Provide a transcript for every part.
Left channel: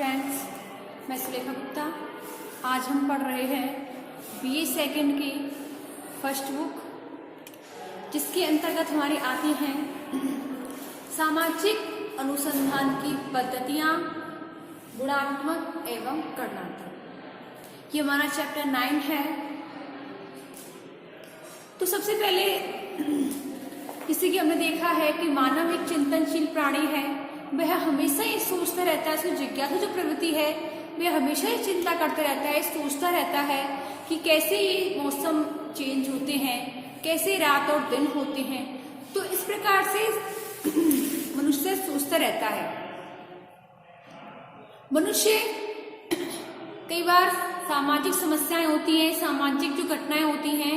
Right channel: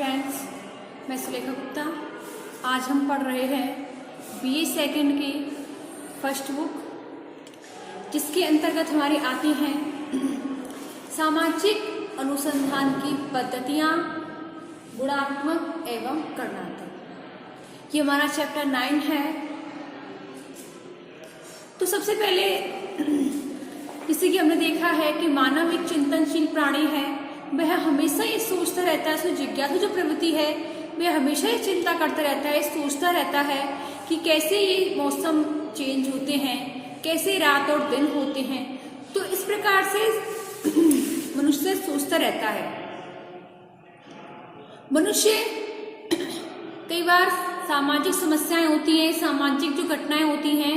Friends, मैं सुलेखा गुप्ता। आज हम पढ़ रहे हैं बीए सेकंड की फर्स्ट बुक, जिसके अंतर्गत हमारे आते हैं सामाजिक अनुसंधान की पद्धतियां, गुणात्मक एवं गणनात्मक। ये हमारा चैप्टर 9 है। तो सबसे पहले जैसे कि हमने देखा है कि मानव एक चिंतनशील प्राणी है। वह हमेशा ये सोचता रहता है, उसमें जिज्ञासु जो प्रवृत्ति है वह हमेशा ये चिंता करता रहता है, सोचता रहता है कि कैसे ये मौसम चेंज होते हैं, कैसे रात और दिन होते हैं। तो इस प्रकार से मनुष्य सोचता रहता है। मनुष्य कई बार सामाजिक समस्याएं होती हैं, सामाजिक जो घटनाएं होती हैं,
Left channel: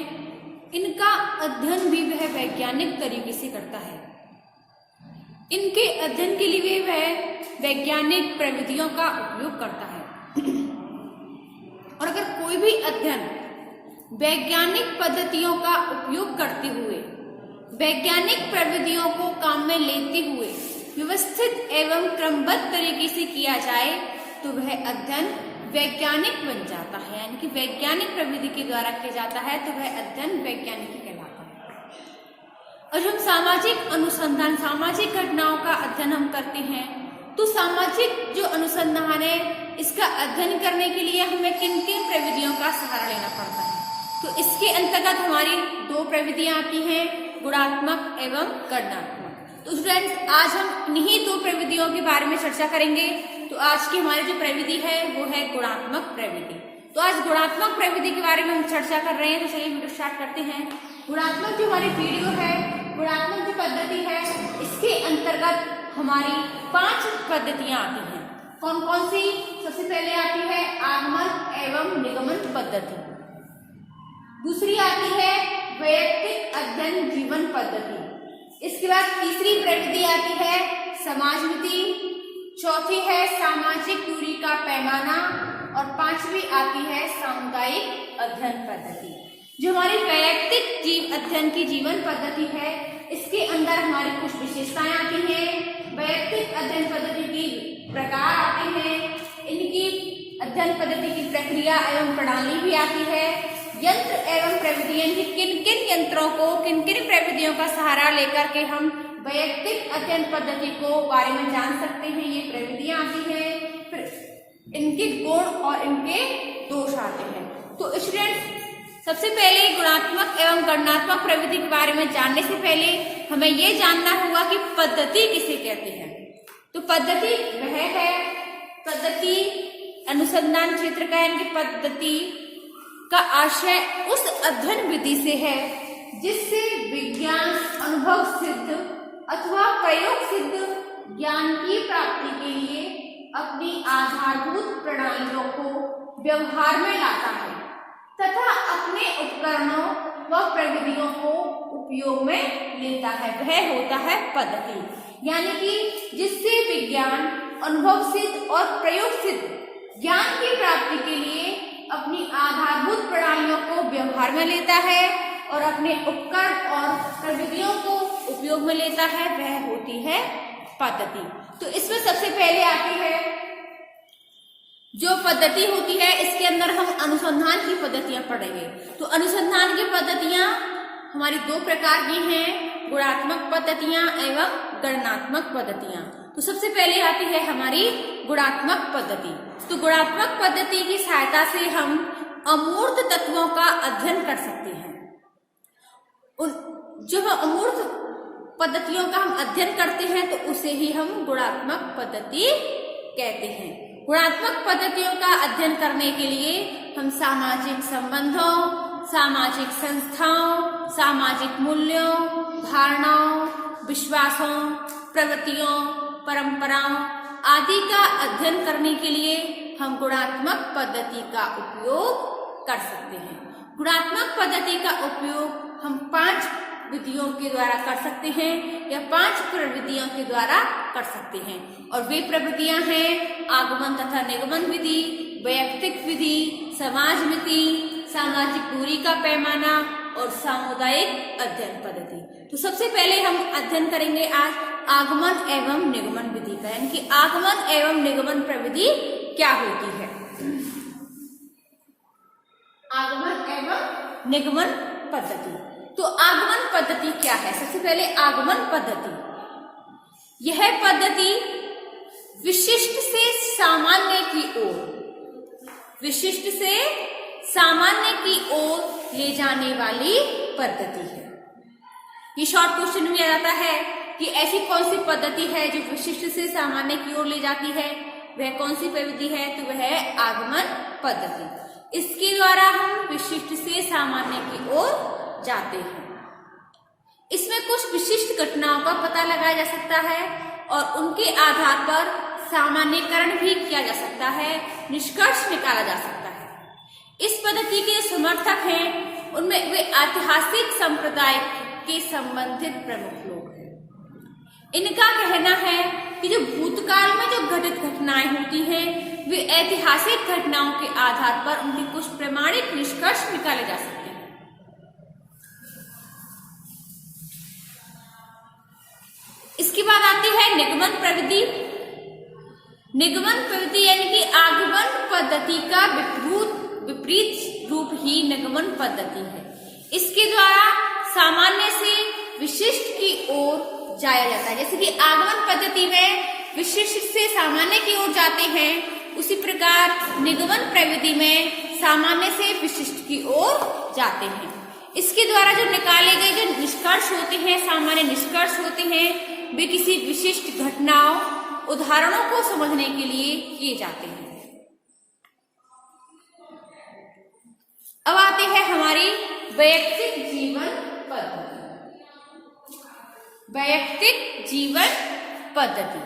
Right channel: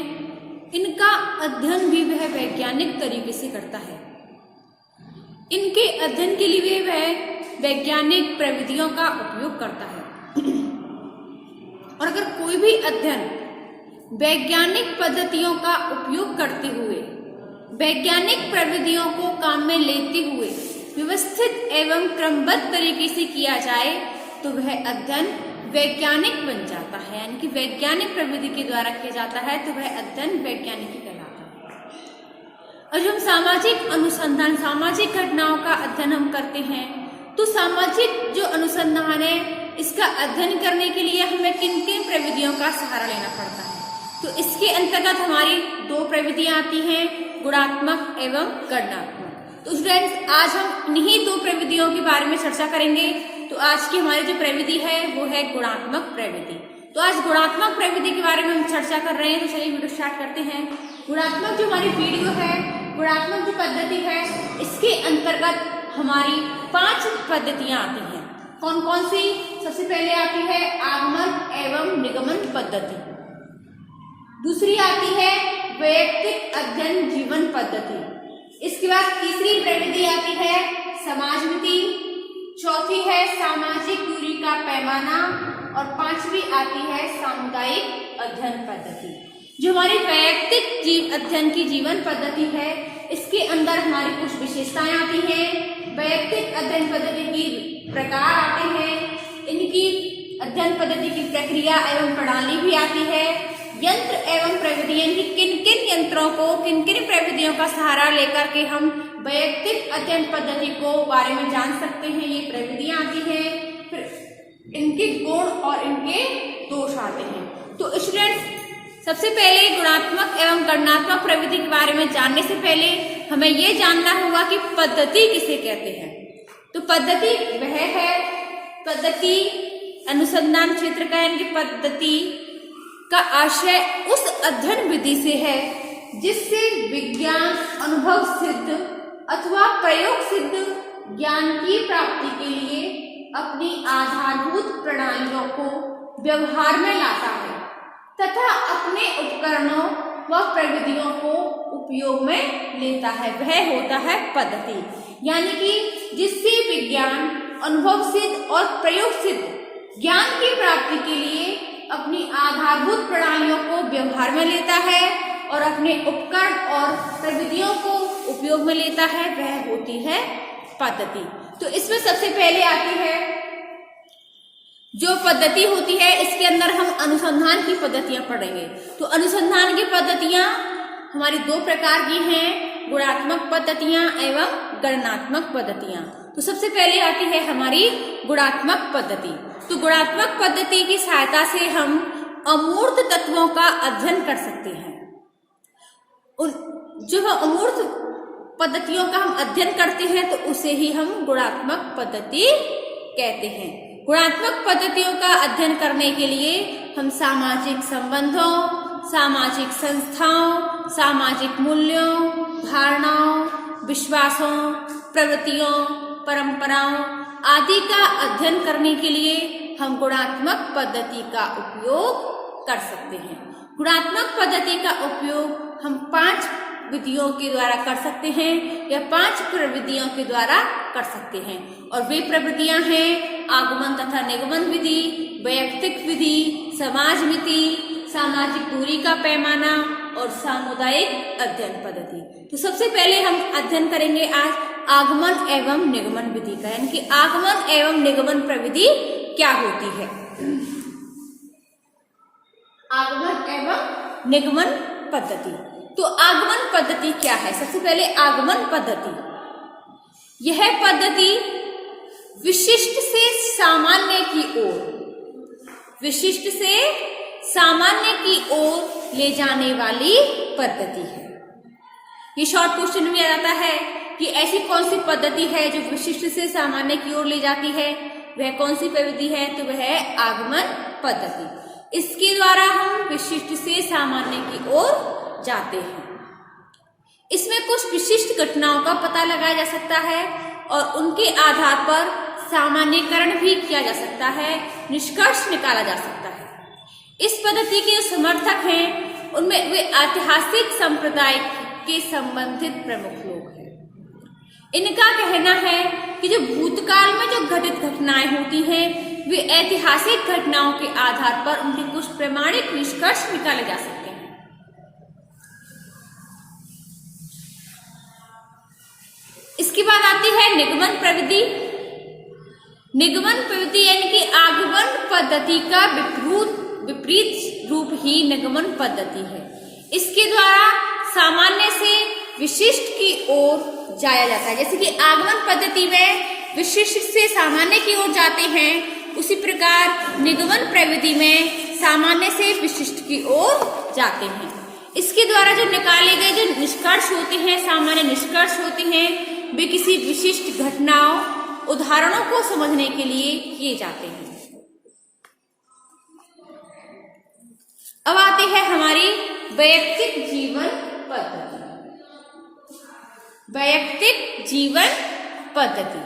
इनका अध्ययन भी वह वैज्ञानिक तरीके से करता है। इनके अध्ययन के लिए वह वैज्ञानिक प्रविधियों का उपयोग करता है। और अगर कोई भी अध्ययन वैज्ञानिक पद्धतियों का उपयोग करते हुए, वैज्ञानिक प्रविधियों को काम में लेते हुए व्यवस्थित एवं क्रमबद्ध तरीके से किया जाए तो वह अध्ययन वैज्ञानिक बन जाता है, यानी कि वैज्ञानिक प्रविधि के द्वारा किया जाता है तो वह अध्ययन वैज्ञानिक ही कहलाता है। और हम सामाजिक अनुसंधान, सामाजिक घटनाओं का अध्ययन हम करते हैं, तो सामाजिक जो अनुसंधान है इसका अध्ययन करने के लिए हमें किन किन प्रविधियों का सहारा लेना पड़ता है। तो इसके अंतर्गत हमारी दो प्रविधियां आती हैं, गुणात्मक एवं गणनात्मक। तो स्टूडेंट्स, आज हम इन्हीं दो प्रविधियों के बारे में चर्चा करेंगे। तो आज की हमारी जो प्रविधि है वो है गुणात्मक प्रविधि। तो आज गुणात्मक प्रविधि के बारे में हम चर्चा कर रहे हैं। तो चलिए वीडियो स्टार्ट करते हैं। गुणात्मक जो हमारी वीडियो है, गुणात्मक जो पद्धति है, इसके अंतर्गत हमारी 5 पद्धतियां आती हैं। कौन कौन सी? सबसे पहले आती है आगमन एवं निगमन पद्धति। दूसरी आती है वैयक्तिक अध्ययन जीवन पद्धति। इसके बाद तीसरी प्रविधि आती है समाजमिति। चौथी है सामाजिक दूरी का पैमाना और 5वीं आती है सामुदायिक अध्ययन पद्धति। जो हमारी वैयक्तिक अध्ययन की जीवन पद्धति है, इसके अंदर हमारी कुछ विशेषताएं आती हैं। वैयक्तिक अध्ययन पद्धति की प्रकार आते हैं, इनकी अध्ययन पद्धति की प्रक्रिया एवं प्रणाली भी आती है। यंत्र एवं प्रविधियां की किन किन यंत्रों को, किन किन प्रविधियों का सहारा लेकर के हम वैयक्तिक अध्ययन पद्धति को बारे में जान सकते हैं, ये प्रविधियां आती हैं। फिर इनके गुण और इनके दोष आते हैं। तो स्टूडेंट्स, सबसे पहले गुणात्मक एवं गणनात्मक प्रविधि के बारे में जानने से पहले हमें ये जानना होगा कि पद्धति किसे कहते हैं। तो पद्धति वह है, पद्धति अनुसंधान क्षेत्र का, यानी कि पद्धति का आशय उस अध्ययन विधि से है जिससे विज्ञान अनुभव सिद्ध अथवा प्रयोग सिद्ध ज्ञान की प्राप्ति के लिए अपनी आधारभूत प्रणालियों को व्यवहार में लाता है तथा अपने उपकरणों व प्रविधियों को उपयोग में लेता है, वह होता है पद्धति। यानी कि जिससे विज्ञान अनुभव सिद्ध और प्रयोग सिद्ध ज्ञान की प्राप्ति के लिए अपनी आधारभूत प्रणालियों को व्यवहार में लेता है और अपने उपकरण और प्रविधियों को उपयोग में लेता है, वह होती है पद्धति। तो इसमें सबसे पहले आती है जो पद्धति होती है, इसके अंदर हम अनुसंधान की पद्धतियां पढ़ेंगे। तो अनुसंधान की पद्धतियां हमारी 2 प्रकार की हैं, गुणात्मक पद्धतियां एवं गणनात्मक पद्धतियां। तो सबसे पहले आती है हमारी गुणात्मक पद्धति। तो गुणात्मक पद्धति की सहायता से हम अमूर्त तत्वों का अध्ययन कर सकते हैं। जो अमूर्त पद्धतियों का हम अध्ययन करते हैं तो उसे ही हम गुणात्मक पद्धति कहते हैं। गुणात्मक पद्धतियों का अध्ययन करने के लिए हम सामाजिक संबंधों, सामाजिक संस्थाओं, सामाजिक मूल्यों, धारणाओं, विश्वासों, प्रवृत्तियों, परंपराओं आदि का अध्ययन करने के लिए हम गुणात्मक पद्धति का उपयोग कर सकते हैं। गुणात्मक पद्धति का उपयोग हम 5 विधियों के द्वारा कर सकते हैं या 5 प्रविधियों के द्वारा कर सकते हैं। और वे प्रविधियां हैं आगमन तथा निगमन विधि, वैयक्तिक विधि, समाजमिति, सामाजिक दूरी का पैमाना, और सामुदायिक अध्ययन पद्धति। तो सबसे पहले हम अध्ययन करेंगे आज आगमन एवं निगमन विधि का, यानी कि आगमन एवं निगमन प्रविधि क्या होती है। आगमन एवं निगमन पद्धति। तो आगमन पद्धति क्या है? सबसे पहले आगमन पद्धति, यह पद्धति विशिष्ट से सामान्य की ओर, विशिष्ट से सामान्य की ओर ले जाने वाली पद्धति है। ये शॉर्ट क्वेश्चन में आ जाता है कि ऐसी कौन सी पद्धति है जो विशिष्ट से सामान्य की ओर ले जाती है, वह कौन सी प्रविधि है? तो वह है आगमन पद्धति। इसके द्वारा हम विशिष्ट से सामान्य की ओर जाते हैं। इसमें कुछ विशिष्ट घटनाओं का पता लगाया जा सकता है और उनके आधार पर सामान्यकरण भी किया जा सकता है, निष्कर्ष निकाला जा सकता है। इस पद्धति के समर्थक हैं उनमें वे ऐतिहासिक संप्रदाय के संबंधित प्रमुख लोग हैं। इनका कहना है कि जो भूतकाल में जो घटित घटनाएं होती हैं, वे ऐतिहासिक घटनाओं के आधार पर उनके कुछ प्रमाणिक निष्कर्ष निकाले जा सकते हैं। इसके बाद आती है निगमन प्रविधि। निगमन प्रविधि यानी कि आगमन पद्धति का विपरीत रूप ही निगमन पद्धति है। इसके द्वारा सामान्य से विशिष्ट की ओर जाया जाता है। जैसे कि आगमन पद्धति में विशिष्ट से सामान्य की ओर जाते हैं, उसी प्रकार निगमन प्रविधि में सामान्य से विशिष्ट की ओर जाते हैं। इसके द्वारा जो निकाले गए जो निष्कर्ष होते हैं, सामान्य निष्कर्ष होते हैं, वे किसी विशिष्ट घटनाओं, उदाहरणों को समझने के लिए किए जाते हैं। अब आती है हमारी वैयक्तिक जीवन पद्धति। वैयक्तिक जीवन पद्धति,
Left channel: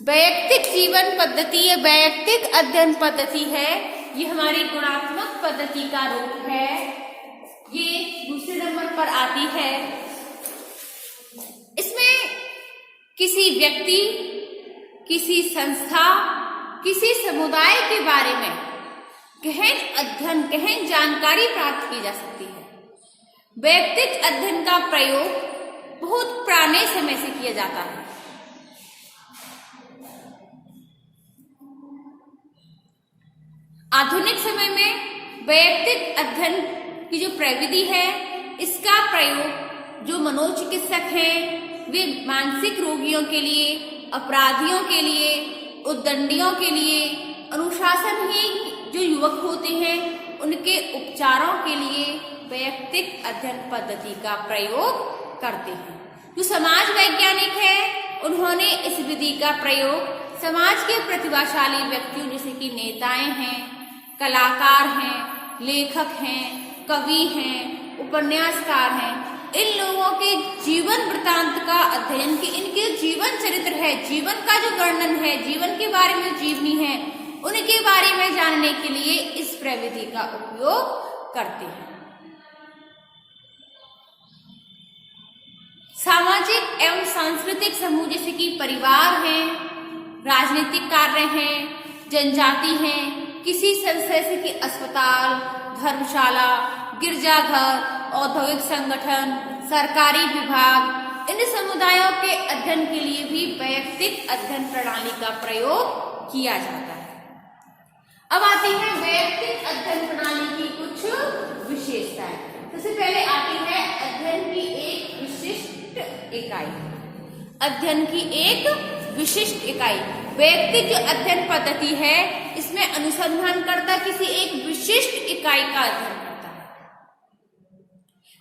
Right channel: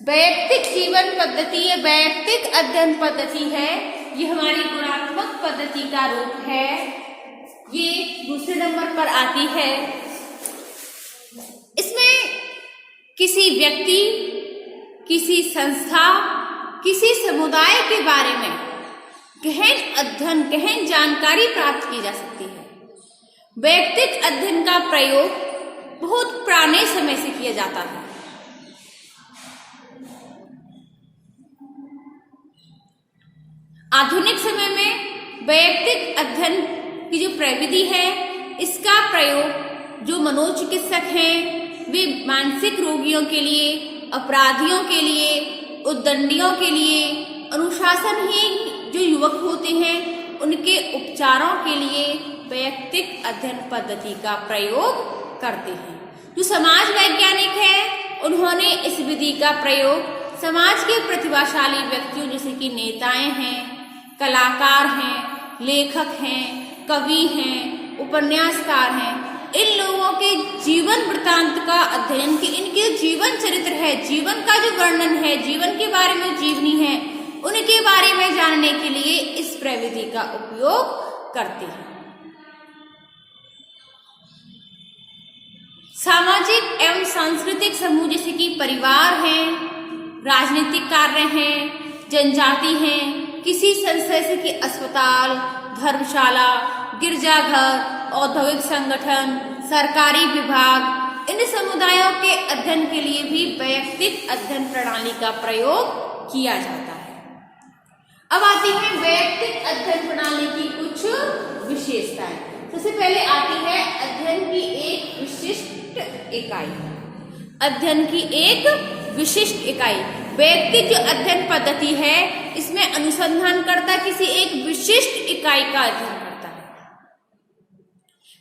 वैयक्तिक जीवन पद्धति या वैयक्तिक अध्ययन पद्धति है, ये हमारी गुणात्मक पद्धति का रूप है। ये दूसरे नंबर पर आती है। इसमें किसी व्यक्ति, किसी संस्था, किसी समुदाय के बारे में गहन अध्ययन, गहन जानकारी प्राप्त की जा सकती है। वैयक्तिक अध्ययन का प्रयोग बहुत पुराने समय से किया जाता है। आधुनिक समय में वैयक्तिक अध्ययन की जो प्रविधि है, इसका प्रयोग जो मनोचिकित्सक हैं, वे मानसिक रोगियों के लिए, अपराधियों के लिए, उद्दंडियों के लिए, अनुशासनहीन जो युवक होते हैं, उनके उपचारों के लिए वैयक्तिक अध्ययन पद्धति का प्रयोग करते हैं। जो समाज वैज्ञानिक है, उन्होंने इस विधि का प्रयोग समाज के प्रतिभाशाली व्यक्तियों जैसे कि नेताएं हैं, कलाकार हैं, लेखक हैं, कवि हैं, उपन्यासकार हैं, इन लोगों के जीवन वृत्तांत का अध्ययन, कि इनके जीवन चरित्र है, जीवन का जो वर्णन है, जीवन के बारे में जीवनी है, उनके बारे में जानने के लिए इस प्रविधि का उपयोग करते हैं। सामाजिक एवं सांस्कृतिक समूह जैसे कि परिवार हैं, राजनीतिक कार्य हैं, जनजाति हैं, किसी संस्था जैसे कि अस्पताल, धर्मशाला, गिरजाघर, औद्योगिक संगठन, सरकारी विभाग, इन समुदायों के अध्ययन के लिए भी वैयक्तिक अध्ययन प्रणाली का प्रयोग किया जाता है। अब आती है वैयक्तिक अध्ययन प्रणाली की कुछ विशेषताएं। सबसे पहले आती है अध्ययन की एक विशिष्ट इकाई। अध्ययन की एक विशिष्ट इकाई, वैयक्तिक जो अध्ययन पद्धति है, इसमें अनुसंधानकर्ता किसी एक विशिष्ट इकाई का अध्ययन करता है।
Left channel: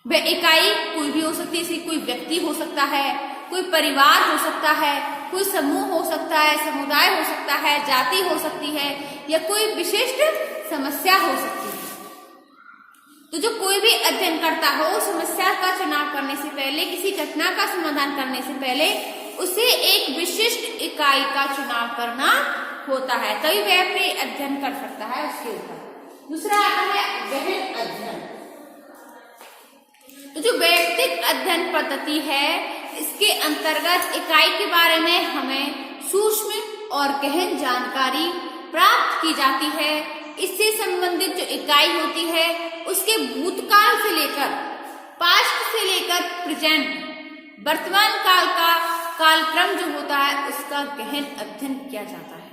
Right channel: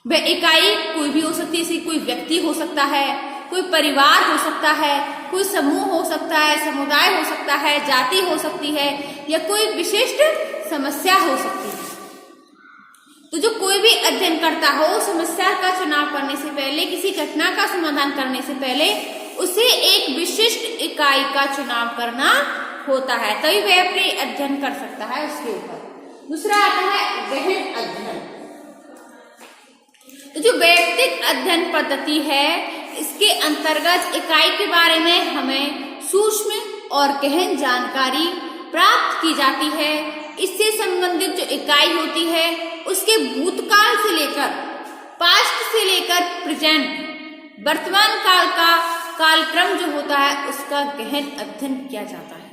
वह इकाई कोई भी हो सकती है, कोई व्यक्ति हो सकता है, कोई परिवार हो सकता है, कोई समूह हो सकता है, समुदाय हो सकता है, जाति हो सकती है, या कोई विशिष्ट समस्या हो सकती है। तो जो कोई भी अध्ययन करता हो, समस्या का चुनाव करने से पहले, किसी घटना का समाधान करने से पहले उसे एक विशिष्ट इकाई का चुनाव करना होता है, तभी वह अपने अध्ययन कर सकता है उसके ऊपर। दूसरा आता है गहन अध्ययन। तो जो वैयक्तिक अध्ययन पद्धति है, इसके अंतर्गत इकाई के बारे में हमें सूक्ष्म और गहन जानकारी प्राप्त की जाती है। इससे संबंधित जो इकाई होती है, उसके भूतकाल से लेकर पास्ट से लेकर प्रेजेंट वर्तमान काल का कालक्रम जो होता है उसका गहन अध्ययन किया जाता है।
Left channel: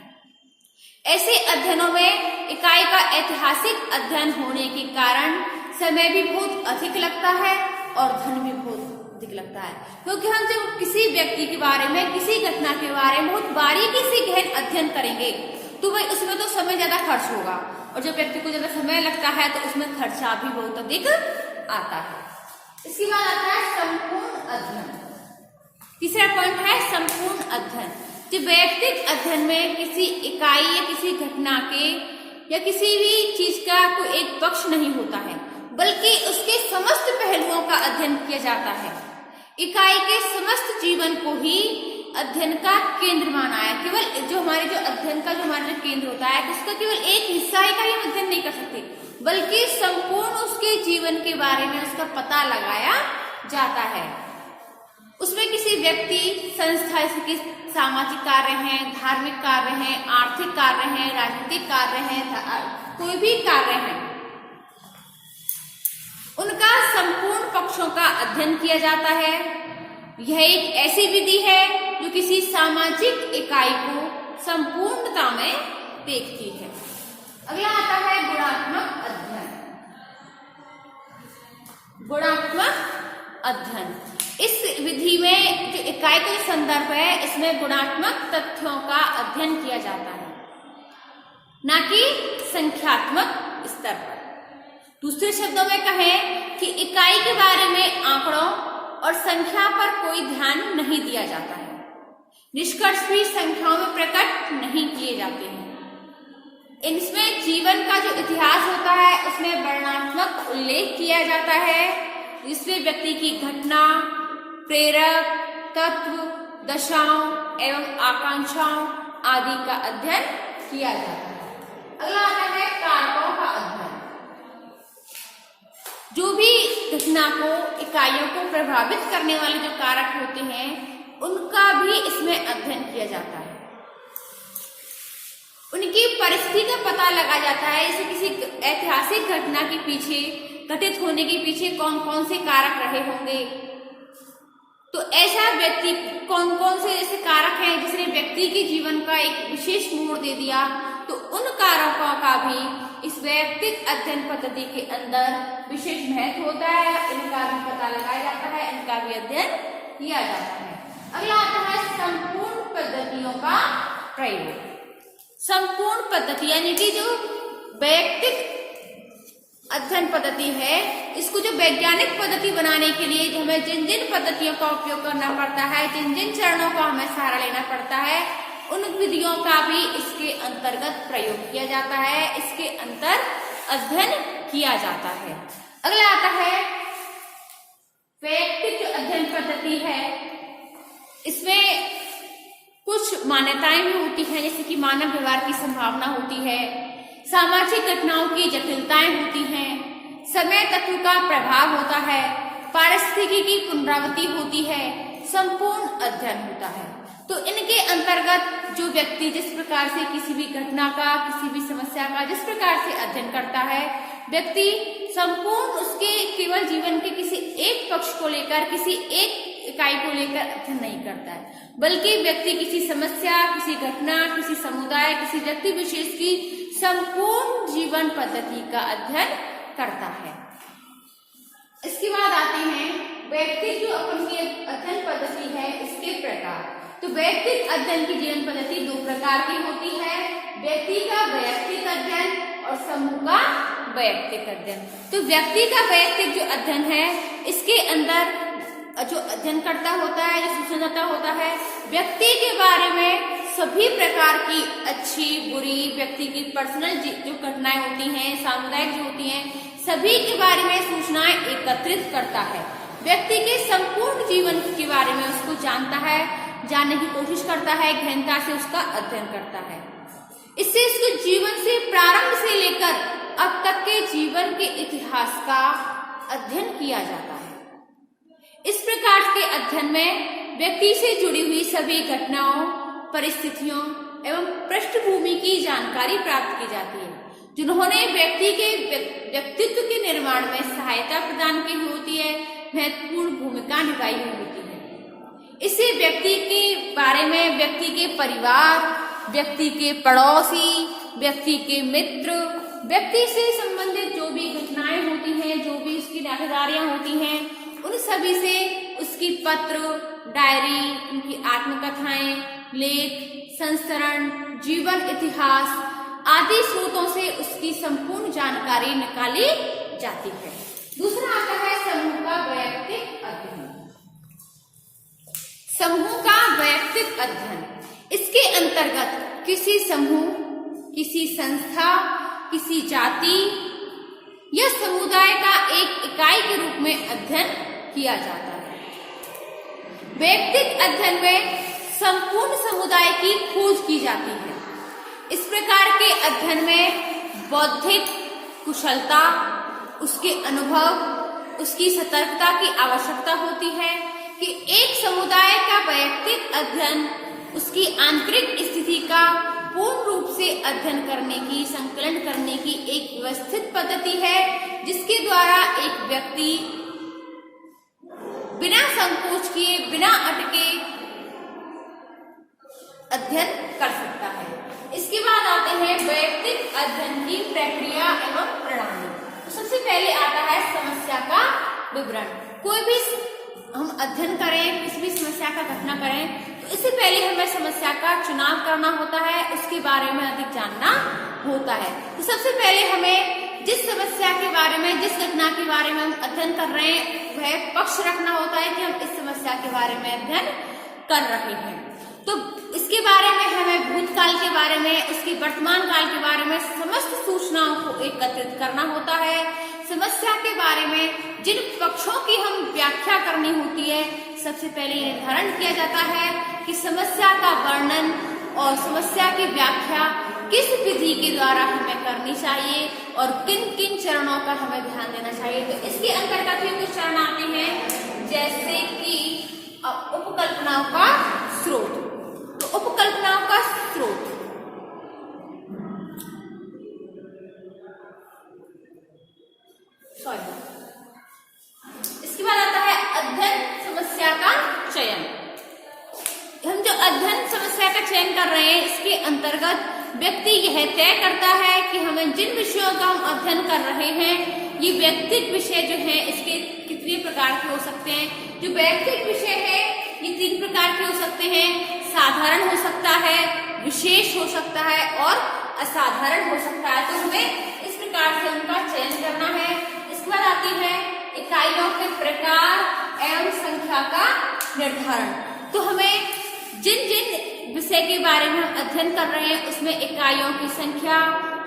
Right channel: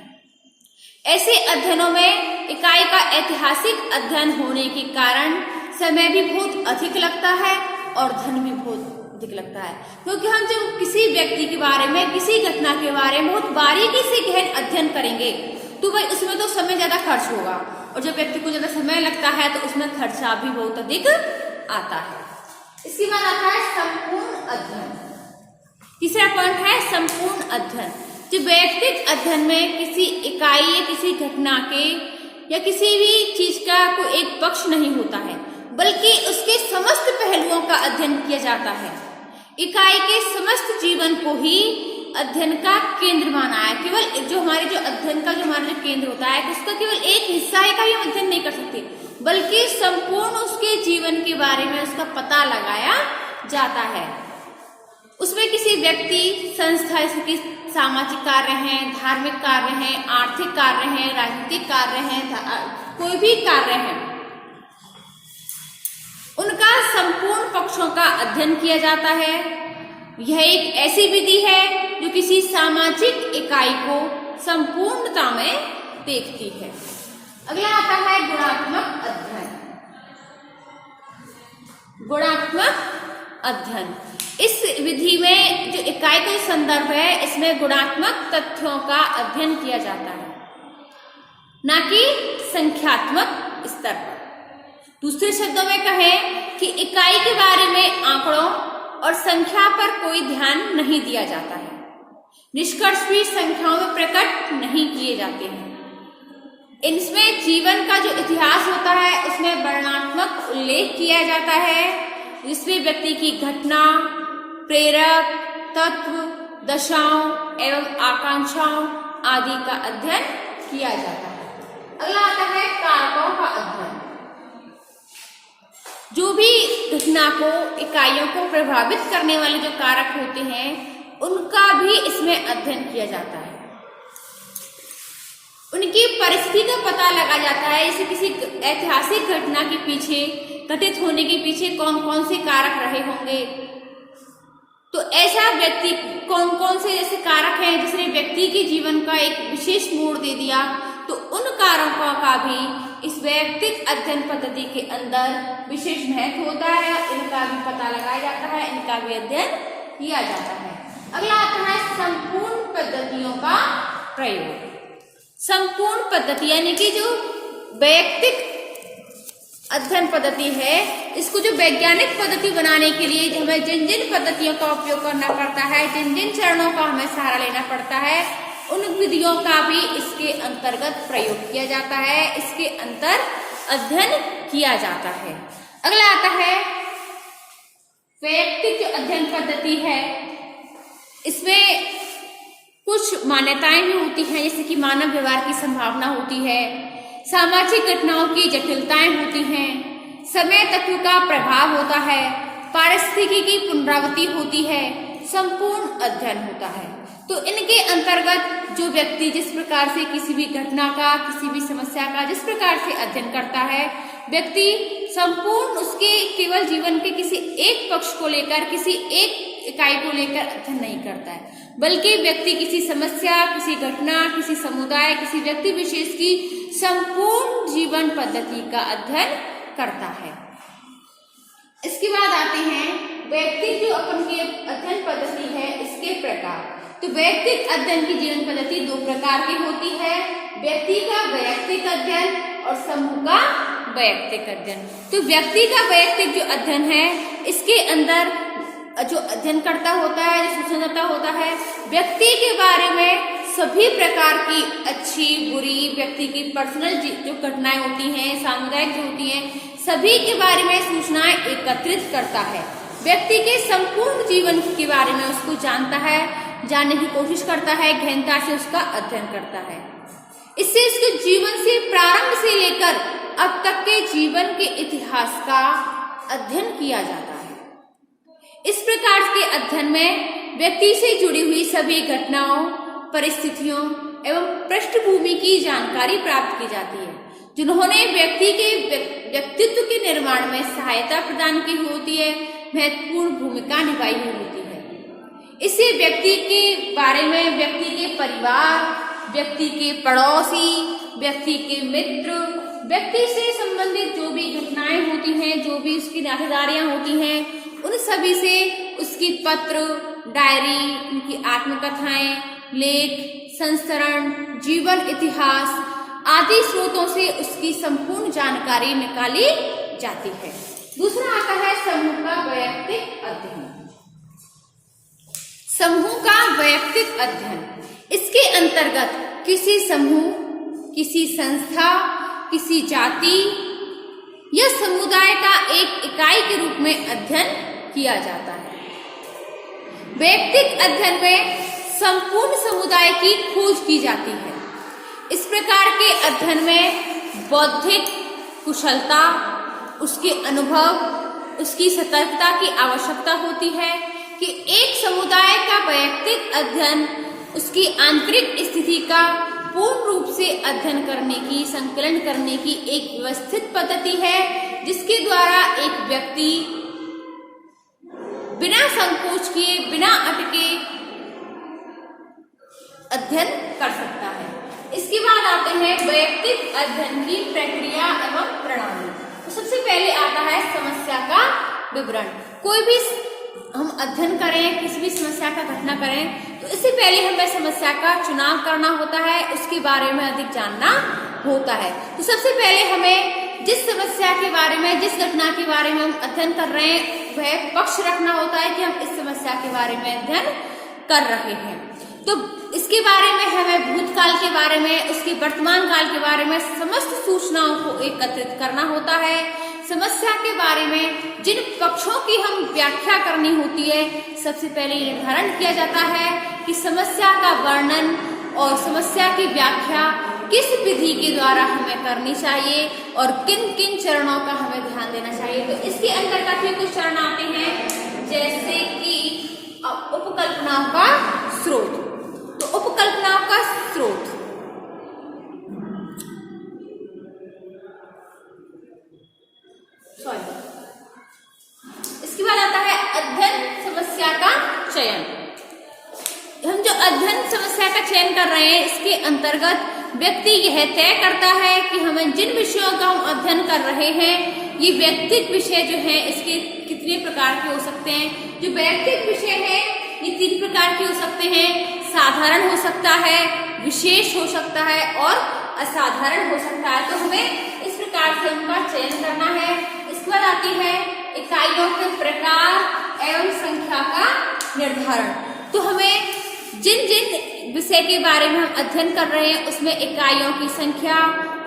ऐसे अध्ययनों में इकाई का ऐतिहासिक अध्ययन होने के कारण समय भी बहुत अधिक लगता है और धन भी बहुत अधिक लगता है, क्योंकि हम जब किसी व्यक्ति के बारे में, किसी घटना के बारे में बहुत बारीकी से गहन अध्ययन करेंगे तो भाई उसमें तो समय ज्यादा खर्च होगा, और जब व्यक्ति को ज्यादा समय लगता है तो उसमें खर्चा भी बहुत अधिक आता है। इसके बाद आता है संपूर्ण अध्ययन। तीसरा पॉइंट है संपूर्ण अध्ययन। जो वैयक्तिक अध्ययन में किसी इकाई या किसी घटना के या किसी भी चीज का कोई एक पक्ष नहीं होता है, बल्कि उसके समस्त पहलुओं का अध्ययन किया जाता है। इकाई के समस्त जीवन को ही अध्ययन का केंद्र माना है। केवल जो हमारे जो अध्ययन का जो हमारा जो केंद्र होता है उसका केवल एक हिस्सा का ही हम अध्ययन नहीं कर सकते, बल्कि संपूर्ण उसके जीवन के बारे में उसका पता लगाया जाता है। उसमें किसी व्यक्ति, संस्था, जैसे सामाजिक कार्य हैं, धार्मिक कार्य हैं, आर्थिक कार्य हैं, राजनीतिक कार्य हैं, कोई भी कार्य है, उनका संपूर्ण पक्षों का अध्ययन किया जाता है। यह एक ऐसी विधि है जो किसी सामाजिक इकाई को संपूर्णता में देखती है। अगला आता है गुणात्मक अध्ययन। गुणात्मक अध्ययन, इस विधि में जो इकाई का संदर्भ है इसमें गुणात्मक तथ्यों का अध्ययन किया जाता है, न कि संख्यात्मक स्तर पर। दूसरे शब्दों में कहें कि इकाई के बारे में आंकड़ों और संख्या पर कोई ध्यान नहीं दिया जाता है। निष्कर्ष भी संख्याओं में प्रकट नहीं किए जाते हैं। इनमें जीवन का जो इतिहास होता है उसमें वर्णनात्मक उल्लेख किया जाता है, जिसमें व्यक्ति की घटना, प्रेरक तत्व, दशाओं एवं आकांक्षाओं आदि का अध्ययन किया जाता है। अगला आता है कारकों का अध्ययन। जो भी घटना को, इकाइयों को प्रभावित करने वाले जो कारक होते हैं उनका भी इसमें अध्ययन किया जाता है। उनकी परिस्थिति का पता लगा जाता है। जैसे किसी ऐतिहासिक घटना के पीछे, घटित होने के पीछे कौन कौन से कारक रहे होंगे, तो ऐसा व्यक्ति कौन कौन से जैसे कारक हैं जिसने व्यक्ति के जीवन का एक विशेष मोड़ दे दिया, तो उन कारकों का भी इस वैयक्तिक अध्ययन पद्धति के अंदर विशेष महत्व होता है। इनका भी पता लगाया जाता है, इनका भी अध्ययन किया जाता है। अगला आता है संपूर्ण पद्धतियों का प्रयोग। संपूर्ण पद्धति यानी कि जो वैयक्तिक अध्ययन पद्धति है, इसको जो वैज्ञानिक पद्धति बनाने के लिए जो हमें जिन जिन पद्धतियों का उपयोग करना पड़ता है, जिन जिन चरणों का हमें सहारा लेना पड़ता है, उन विधियों का भी इसके अंतर्गत प्रयोग किया जाता है, इसके अंतर अध्ययन किया जाता है। अगला आता है वैयक्तिक जो अध्ययन पद्धति है, इसमें कुछ मान्यताएं भी होती हैं, जैसे कि मानव व्यवहार की संभावना होती है, सामाजिक घटनाओं की जटिलताएं होती हैं, समय तत्व का प्रभाव होता है, पारिस्थितिकी की पुनरावृत्ति होती है, संपूर्ण अध्ययन होता है। तो इनके अंतर्गत जो व्यक्ति जिस प्रकार से किसी भी घटना का, किसी भी समस्या का जिस प्रकार से अध्ययन करता है, व्यक्ति संपूर्ण उसके केवल जीवन के किसी एक पक्ष को लेकर, किसी एक इकाई को लेकर अध्ययन नहीं करता है, बल्कि व्यक्ति किसी समस्या, किसी घटना, किसी समुदाय, किसी व्यक्ति विशेष की संपूर्ण जीवन पद्धति का अध्ययन करता है। इसके बाद आते हैं वैयक्तिक जो अपन की अध्ययन पद्धति है इसके प्रकार। तो वैयक्तिक अध्ययन की जीवन पद्धति दो प्रकार की होती है, व्यक्ति का वैयक्तिक अध्ययन और समूह का वैयक्तिक अध्ययन। तो व्यक्ति का वैयक्तिक जो अध्ययन है, इसके अंदर जो अध्ययन करता होता है, सूचनाता होता है, व्यक्ति के बारे में सभी प्रकार की अच्छी बुरी, व्यक्ति की पर्सनल जो घटनाएं होती हैं, सामुदायिक जो होती हैं, सभी के बारे में सूचनाएं एकत्रित करता है। व्यक्ति के संपूर्ण जीवन के बारे में उसको जानता है, जानने की कोशिश करता है, गहनता से उसका अध्ययन करता है। इससे इसके जीवन से प्रारंभ से लेकर अब तक के जीवन के इतिहास का अध्ययन किया जाता है। इस प्रकार के अध्ययन में व्यक्ति से जुड़ी हुई सभी घटनाओं, परिस्थितियों एवं पृष्ठभूमि की जानकारी प्राप्त की जाती है, जिन्होंने व्यक्ति के व्यक्तित्व के निर्माण में सहायता प्रदान की होती है, महत्वपूर्ण भूमिका निभाई हुई होती है। इससे व्यक्ति के बारे में, व्यक्ति के परिवार, व्यक्ति के पड़ोसी, व्यक्ति के मित्र, व्यक्ति से संबंधित जो भी घटनाएं होती हैं, जो भी उसकी नातेदारियां होती हैं, उन सभी से उसकी पत्र, डायरी, उनकी आत्मकथाएं, लेख, संस्करण, जीवन इतिहास आदि स्रोतों से उसकी संपूर्ण जानकारी निकाली जाती है। दूसरा आता है समूह का वैयक्तिक अध्ययन। समूह का वैयक्तिक अध्ययन, इसके अंतर्गत किसी समूह, किसी संस्था, किसी जाति या समुदाय का एक इकाई के रूप में अध्ययन किया जाता है। वैयक्तिक अध्ययन में संपूर्ण समुदाय की खोज की जाती है। इस प्रकार के अध्ययन में बौद्धिक कुशलता, उसके अनुभव, उसकी सतर्कता की आवश्यकता होती है कि एक समुदाय का वैयक्तिक अध्ययन उसकी आंतरिक स्थिति का पूर्ण रूप से अध्ययन करने की, संकलन करने की एक व्यवस्थित पद्धति है, जिसके द्वारा एक व्यक्ति बिना संकोच किए, बिना अटके अध्ययन कर सकता है। इसके बाद आते हैं वैयक्तिक अध्ययन की प्रक्रिया एवं प्रणाली। तो सबसे पहले आता है समस्या का विवरण। कोई भी हम अध्ययन करें, किसी भी समस्या का घटना करें, तो इससे पहले हमें समस्या का चुनाव करना होता है, उसके बारे में अधिक जानना होता है। तो सबसे पहले हमें जिस समस्या के बारे में, जिस घटना के बारे में हम अध्ययन कर रहे हैं, वह पक्ष रखना होता है कि हम इस समस्या के बारे में अध्ययन कर रहे हैं। तो इसके बारे में हमें भूतकाल के बारे में, उसके वर्तमान काल के बारे में समस्त सूचनाओं को एकत्रित करना होता है। समस्या के बारे में जिन पक्षों की हम व्याख्या करनी होती है, सबसे पहले निर्धारण किया जाता है कि समस्या का वर्णन और समस्या की व्याख्या किस विधि के द्वारा हमें करनी चाहिए और किन किन चरणों का हमें ध्यान देना चाहिए। तो इसके अंतर्गत भी कुछ चरण आते हैं, जैसे कि उपकल्पनाओं का स्रोत। तो उपकल्पनाओं का स्रोत, इसके बाद आता है अध्ययन समस्या का चयन। हम जो अध्ययन समस्या का चयन कर रहे हैं, इसके अंतर्गत व्यक्ति यह तय करता है कि हमें जिन विषयों का हम अध्ययन कर रहे हैं, ये वैयक्तिक विषय जो है, इसके कितने प्रकार के हो सकते हैं। जो वैयक्तिक विषय है, ये 3 प्रकार के हो सकते हैं। साधारण हो सकता है, विशेष हो सकता है और असाधारण हो सकता है। तो हमें इस प्रकार से उनका चयन करना है। इसके बाद आती है इकाइयों के प्रकार एवं संख्या का निर्धारण। तो हमें जिन जिन विषय के बारे में हम अध्ययन कर रहे हैं, उसमें इकाइयों की संख्या,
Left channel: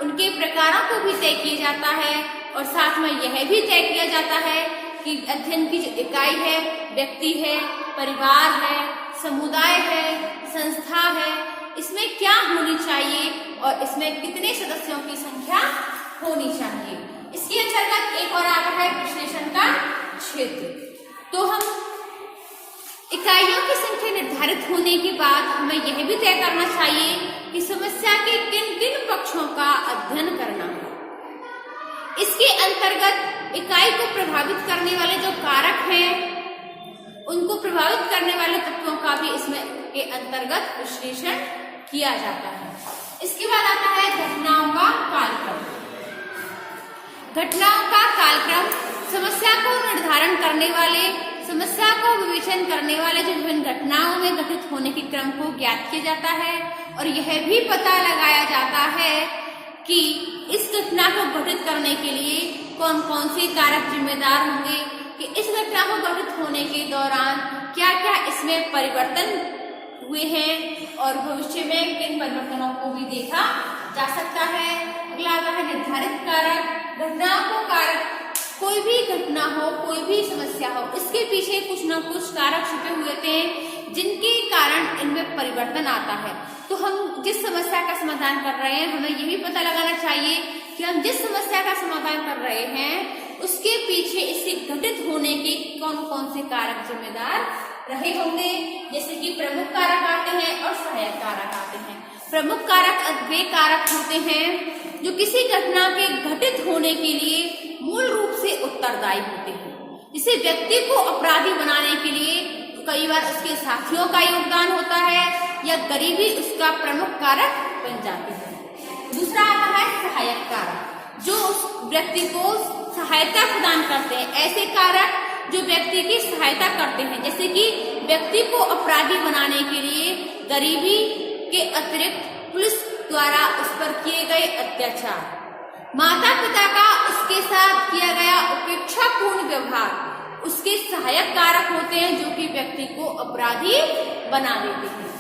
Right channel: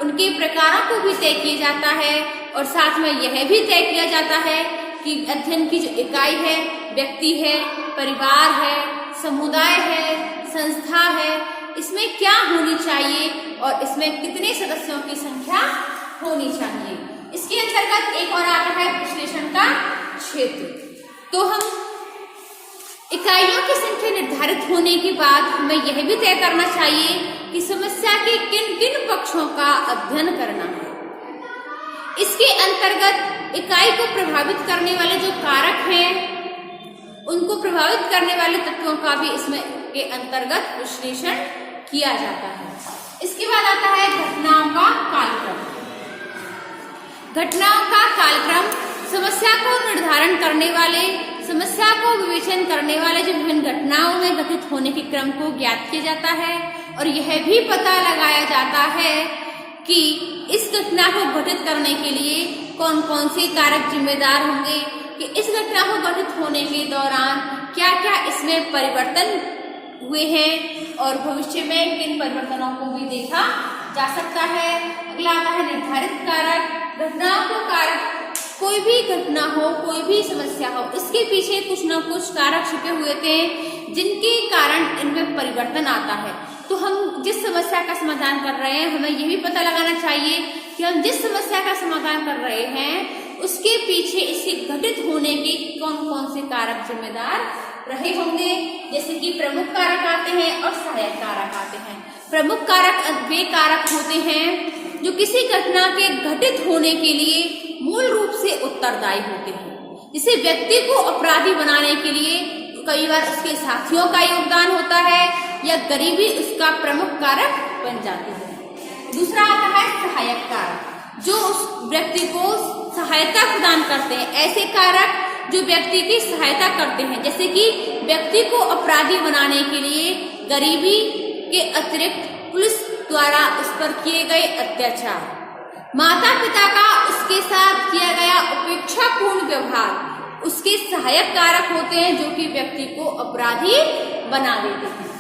उनके प्रकारों को भी तय किया जाता है और साथ में यह भी तय किया जाता है कि अध्ययन की जो इकाई है, व्यक्ति है, परिवार है, समुदाय है, संस्था है, इसमें क्या होनी चाहिए और इसमें कितने सदस्यों की संख्या होनी चाहिए। इसके अंतर्गत एक और आता है विश्लेषण का क्षेत्र। तो हम इकाइयों की संख्या निर्धारित होने के बाद हमें यह भी तय करना चाहिए कि समस्या के किन किन पक्षों का अध्ययन करना है। इसके अंतर्गत इकाई को प्रभावित करने वाले जो कारक हैं, उनको प्रभावित करने वाले तत्वों का भी इसमें के अंतर्गत विश्लेषण किया जाता है। इसके बाद आता है घटनाओं का कालक्रम। घटनाओं का कालक्रम समस्या को निर्धारण करने वाले, समस्या को विवेचन करने वाले जो विभिन्न घटनाओं में घटित होने के क्रम को ज्ञात किया जाता है और यह भी पता लगाया जाता है कि इस घटना को घटित करने के लिए कौन कौन से कारक जिम्मेदार होंगे, कि इस घटना को घटित होने के दौरान क्या क्या इसमें परिवर्तन हुए हैं और भविष्य में किन परिवर्तनों को भी देखा जा सकता है। अगला आता है निर्धारित कारक। घटनाओं को कारक, कोई भी घटना हो, कोई भी समस्या हो, इसके पीछे कुछ न कुछ कारक छुपे हुए थे जिनके कारण इनमें परिवर्तन आता है। तो हम जिस समस्या का समाधान कर रहे हैं, हमें ये भी पता लगाना चाहिए कि हम जिस समस्या का समाधान कर रहे हैं उसके पीछे इससे घटित होने के कौन कौन से कारक जिम्मेदार रहे होंगे। जैसे कि प्रमुख कारक आते हैं और सहायक कारक आते हैं। प्रमुख कारक वे कारक होते हैं जो किसी घटना के घटित होने के लिए मूल रूप से उत्तरदायी होते हैं। इसे व्यक्ति को अपराधी बनाने के लिए कई बार उसके साथियों का योगदान होता है या गरीबी उसका प्रमुख कारक बन जाती है। दूसरा आता है सहायक कारक, जो उस व्यक्ति को सहायता प्रदान करते हैं। ऐसे कारक जो व्यक्ति की सहायता करते हैं, जैसे कि व्यक्ति को अपराधी बनाने के लिए गरीबी के अतिरिक्त पुलिस द्वारा उस पर किए गए अत्याचार, माता पिता का उसके साथ किया गया उपेक्षापूर्ण व्यवहार उसके सहायक कारक होते हैं, जो कि व्यक्ति को अपराधी बना देते हैं।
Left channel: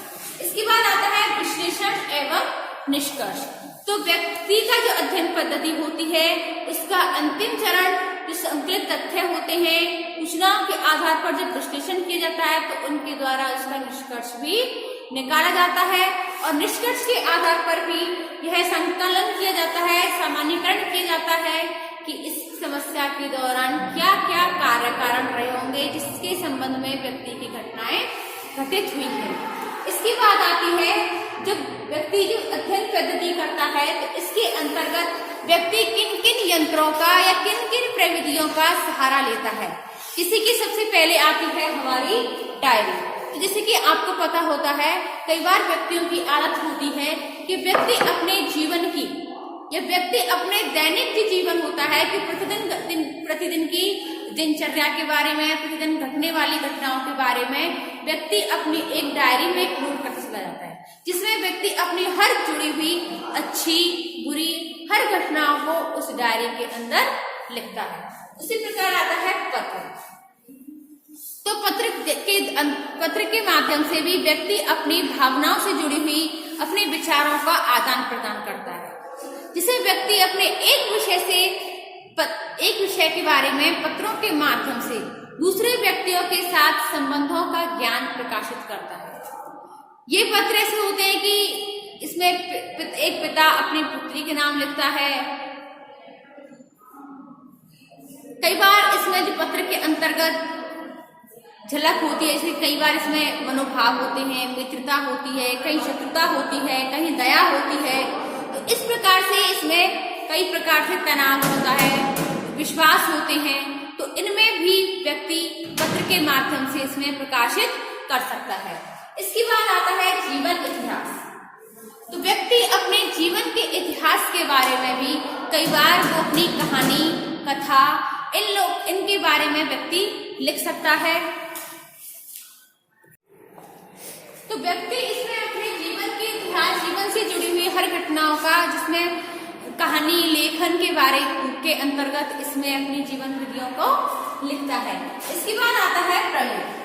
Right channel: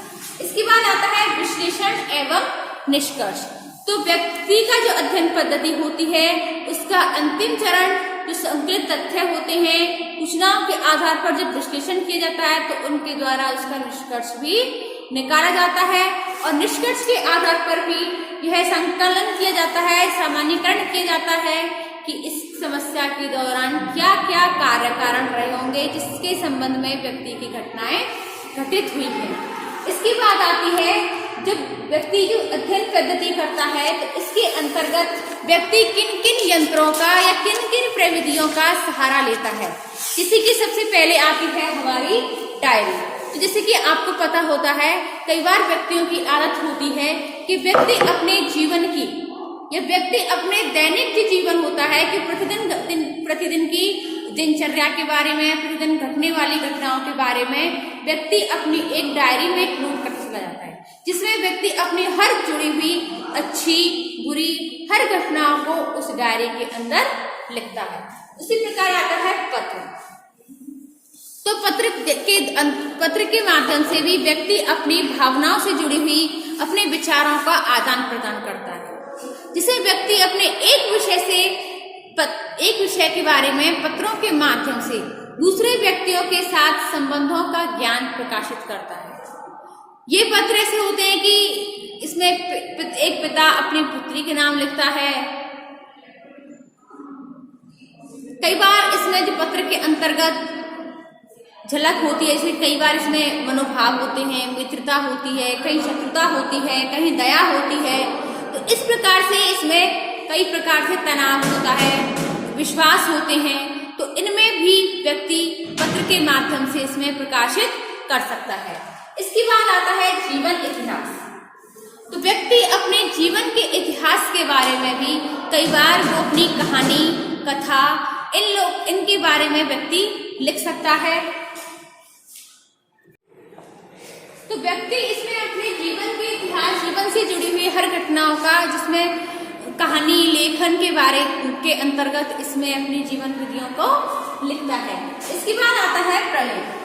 इसके बाद आता है विश्लेषण एवं निष्कर्ष। तो व्यक्ति का जो अध्ययन पद्धति होती है, उसका अंतिम चरण जो संकलित तथ्य होते हैं, सूचनाओं के आधार पर जब विश्लेषण किया जाता है तो उनके द्वारा उसका निष्कर्ष भी निकाला जाता है और निष्कर्ष के आधार पर भी यह संकलन किया जाता है, सामान्यीकरण किया जाता है कि इस समस्या के दौरान क्या क्या कारण रहे होंगे जिसके संबंध में व्यक्ति की घटनाएं घटित हुई है। इसके बाद आती है जब व्यक्ति जो अध्ययन पद्धति करता है तो इसके अंतर्गत व्यक्ति किन किन यंत्रों का या किन किन प्रविधियों का सहारा लेता है। किसी की सबसे पहले आती है हमारी डायरी। तो जैसे कि आपको पता होता है, कई बार व्यक्तियों की आदत होती है कि व्यक्ति अपने जीवन की या व्यक्ति अपने दैनिक जो जीवन होता है कि प्रतिदिन की दिनचर्या के बारे में, प्रतिदिन घटने वाली घटनाओं के बारे में व्यक्ति अपनी एक डायरी में नोट करता चला जाता है, जिसमें व्यक्ति अपनी हर जुड़ी हुई अच्छी बुरी हर घटनाओं को उस डायरी के अंदर लिखता है। उसी प्रकार आता है पत्र। तो पत्र के माध्यम से भी व्यक्ति अपनी भावनाओं से जुड़ी हुई अपने विचारों का आदान प्रदान करता है, जिसे व्यक्ति अपने एक विषय के बारे में पत्रों के माध्यम से दूसरे व्यक्तियों के साथ संबंधों का ज्ञान प्रकाशित करता है। ये पत्र ऐसे होते हैं कि इसमें एक पिता अपनी पुत्री के नाम लिखता है। कई बार इसमें जो पत्र के अंतर्गत झलक होती है, इसमें कई बार इसमें मनोभाव होते हैं, मित्रता होती है, कहीं शत्रुता होती है, कहीं दया होती है। तो इस प्रकार से इसमें कई प्रकार से तनाव होता है, विश्वास होते हैं। तो इनमें भी व्यक्ति पत्र के माध्यम से इसमें प्रकाशित कर सकता है। इसके बाद आता है जीवन इतिहास। तो व्यक्ति अपने जीवन के इतिहास के बारे में भी कई बार वो अपनी कहानी, कथा, इनके बारे में व्यक्ति लिख सकता है। तो व्यक्ति इसमें अपने जीवन के इतिहास, जीवन से जुड़ी हुई हर घटनाओं का, जिसमें कहानी लेखन के बारे के अंतर्गत इसमें अपनी जीवन विधियों को लिखता है। इसके बाद आता है प्रलेख।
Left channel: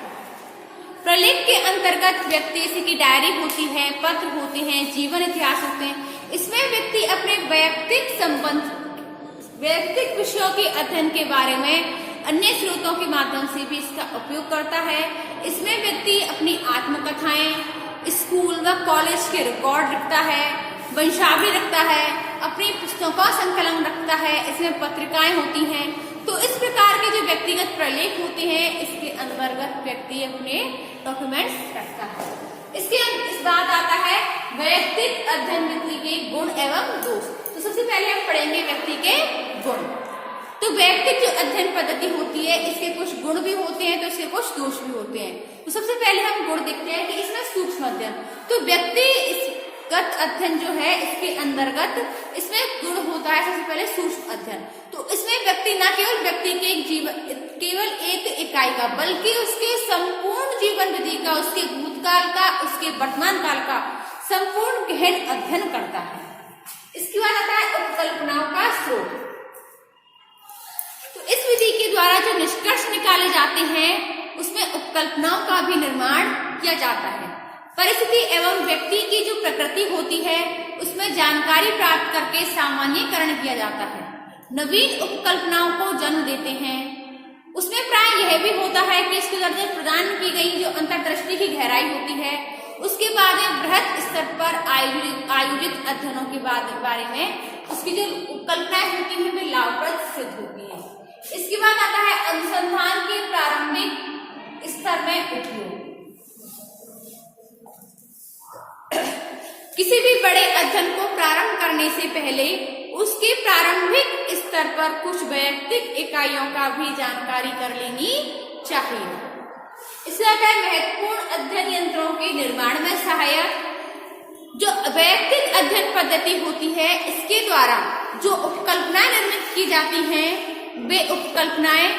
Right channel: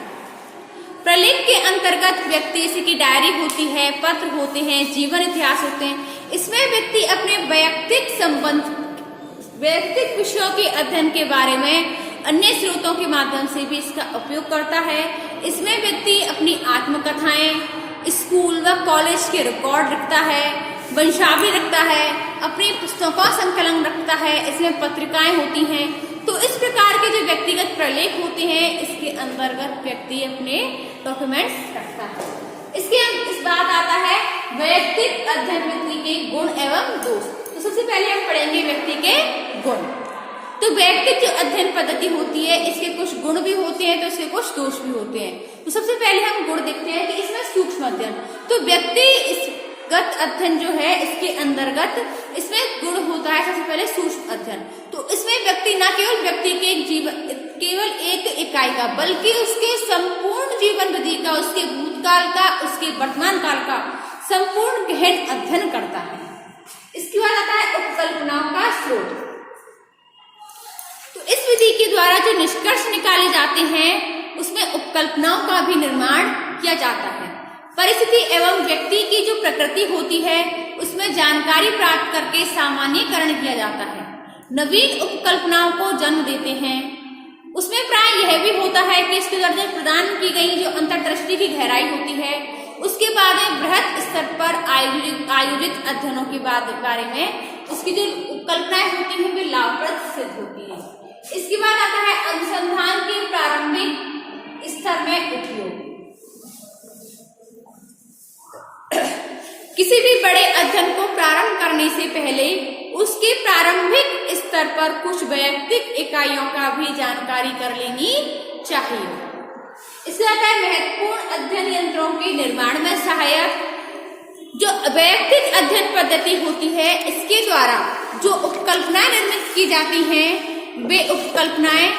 प्रलेख के अंतर्गत व्यक्ति की डायरी होती है, पत्र होते हैं, जीवन इतिहास होते हैं। इसमें व्यक्ति अपने वैयक्तिक विषयों के अध्ययन के बारे में अन्य स्रोतों के माध्यम से भी इसका उपयोग करता है। इसमें व्यक्ति अपनी आत्मकथाएं, स्कूल व कॉलेज के रिकॉर्ड लिखता है, वंशावली रखता है, अपनी पुस्तकों का संकलन रखता है। इसमें पत्रिकाएं होती हैं। तो इस प्रकार के जो व्यक्तिगत प्रलेख होते हैं, इसके अंतर्गत व्यक्ति अपने डॉक्यूमेंट्स रखता है। इस बात आता है वैयक्तिक अध्ययन विधि के गुण एवं दोष। तो सबसे पहले हम पढ़ेंगे व्यक्ति के गुण। तो वैयक्तिक जो अध्ययन पद्धति होती है, इसके कुछ गुण भी होते हैं तो इसके कुछ दोष भी होते हैं। तो सबसे पहले हम गुण देखते हैं कि इसमें सूक्ष्म अध्ययन। तो व्यक्तिगत अध्ययन जो है, इसके अंतर्गत इसमें गुण होता है सबसे पहले सूक्ष्म अध्ययन। तो इसमें व्यक्ति न केवल व्यक्ति के केवल एक इकाई का, बल्कि उसके संपूर्ण जीवन विधि का, उसके भूतकाल का, उसके वर्तमान काल का संपूर्ण गहन अध्ययन करता है। इसके बाद आता है उपकल्पनाओं का स्रोत। तो इस विधि के द्वारा जो निष्कर्ष निकाले जाते हैं, उसमें उपकल्पनाओं का भी निर्माण किया जाता है। परिस्थिति एवं व्यक्ति की जो प्रकृति होती है, उसमें जानकारी प्राप्त करके सामान्यीकरण किया जाता है, नवीन उपकल्पनाओं को जन्म देते हैं। उसमें प्राय यह भी होता है कि इसके द्वारा प्रदान की गई जो अंतर्दृष्टि की गहराई होती है, उसके बाद बृहत स्तर पर आयोजित अध्ययनों के बारे में उसकी जो उपकल्पनाएं होती हैं वे लाभप्रद सिद्ध होती हैं। इसके बाद आता है अनुसंधान के प्रारंभिक स्तर में उपयोग। किसी भी बड़े अध्ययन को प्रारंभ करने से पहले उसके प्रारंभिक स्तर पर कुछ वैयक्तिक इकाइयों का भी जानकारी कर लेनी चाहिए। इसके साथ महत्वपूर्ण अध्ययन यंत्रों के निर्माण में सहायक जो वैयक्तिक अध्ययन पद्धति होती है, इसके द्वारा जो उपकल्पनाएं निर्मित की जाती हैं, वे उपकल्पनाएं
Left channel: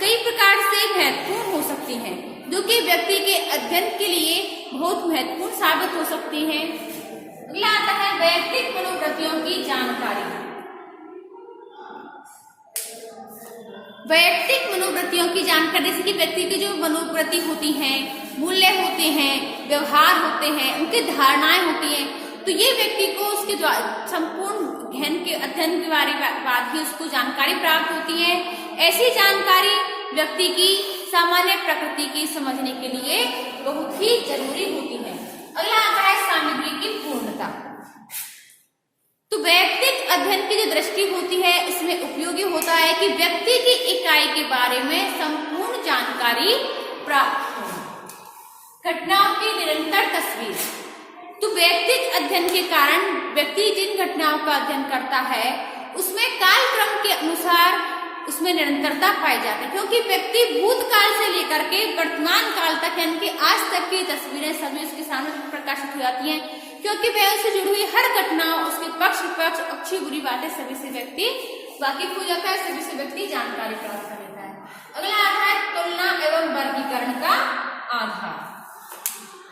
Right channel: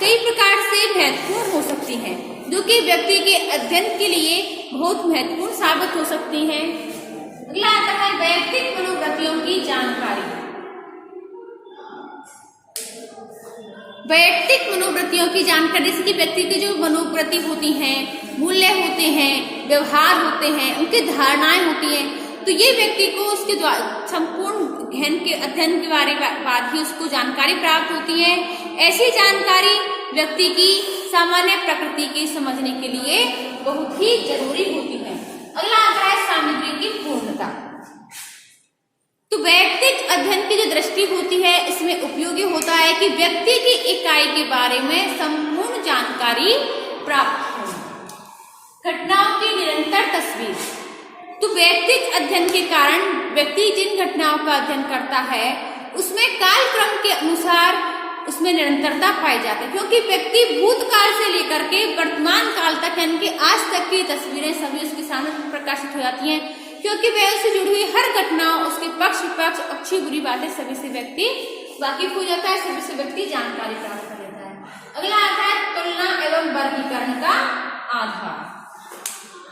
कई प्रकार से महत्वपूर्ण हो सकती हैं, जो कि व्यक्ति के अध्ययन के लिए बहुत महत्वपूर्ण साबित हो सकती हैं। अगला आता है वैयक्तिक मनोवृत्तियों की जानकारी। वैयक्तिक मनोवृत्तियों की जानकारी से व्यक्ति की जो मनोवृत्ति होती हैं, मूल्य होते हैं, व्यवहार होते हैं, उनकी धारणाएं होती हैं, तो ये व्यक्ति को उसके संपूर्ण गहन के अध्ययन के बारे में बाद ही उसको जानकारी प्राप्त होती है। ऐसी जानकारी व्यक्ति की सामान्य प्रकृति की समझने के लिए बहुत ही जरूरी होती है। अगला आता है सामग्री की पूर्णता। तो वैयक्तिक अध्ययन की जो दृष्टि होती है, इसमें उपयोगी होता है कि व्यक्ति की इकाई के बारे में संपूर्ण जानकारी प्राप्त हो। घटनाओं की निरंतर तस्वीर। तो वैयक्तिक अध्ययन के कारण व्यक्ति जिन घटनाओं का अध्ययन करता है, उसमें कालक्रम के अनुसार उसमें निरंतरता पाई जाती है, क्योंकि व्यक्ति भूतकाल से लेकर के वर्तमान काल तक यानी कि आज तक की तस्वीरें सभी उसके सामने प्रकाशित हो जाती हैं, क्योंकि वह उससे जुड़ी हुई हर घटना, उसके पक्ष विपक्ष, अच्छी बुरी बातें सभी से व्यक्ति वाकिफ हो जाता है, सभी से व्यक्ति जानकारी प्राप्त कर लेता है। अगला आता है तुलना एवं वर्गीकरण का आधार।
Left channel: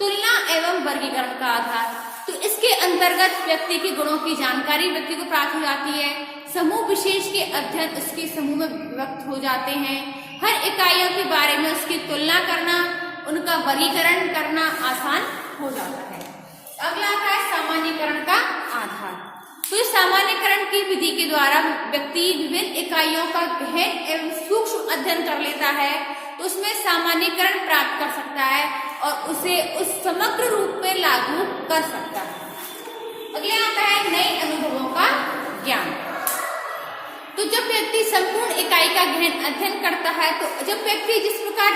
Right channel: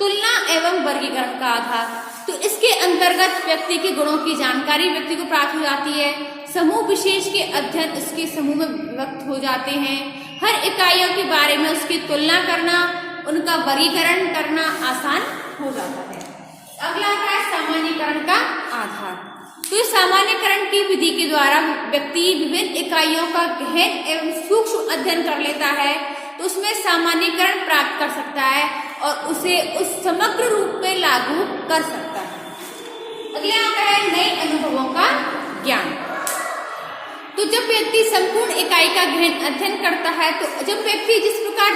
तुलना एवं वर्गीकरण का आधार, तो इसके अंतर्गत व्यक्ति के गुणों की जानकारी व्यक्ति को प्राप्त हो जाती है। समूह विशेष के अध्ययन उसके समूह में व्यक्त हो जाते हैं। हर इकाइयों के बारे में उसकी तुलना करना, उनका वर्गीकरण करना आसान हो जाता है। अगला आता है सामान्यीकरण का आधार। तो इस सामान्यीकरण की विधि के द्वारा व्यक्ति विभिन्न इकाइयों का गहन एवं सूक्ष्म अध्ययन कर लेता है, तो उसमें सामान्यीकरण प्राप्त कर सकता है और उसे उस समग्र रूप में लागू कर सकता है। अगला आता है नए अनुभवों का ज्ञान। तो जब व्यक्ति संपूर्ण इकाई का गहन अध्ययन करता है, तो जब व्यक्ति जिस प्रकार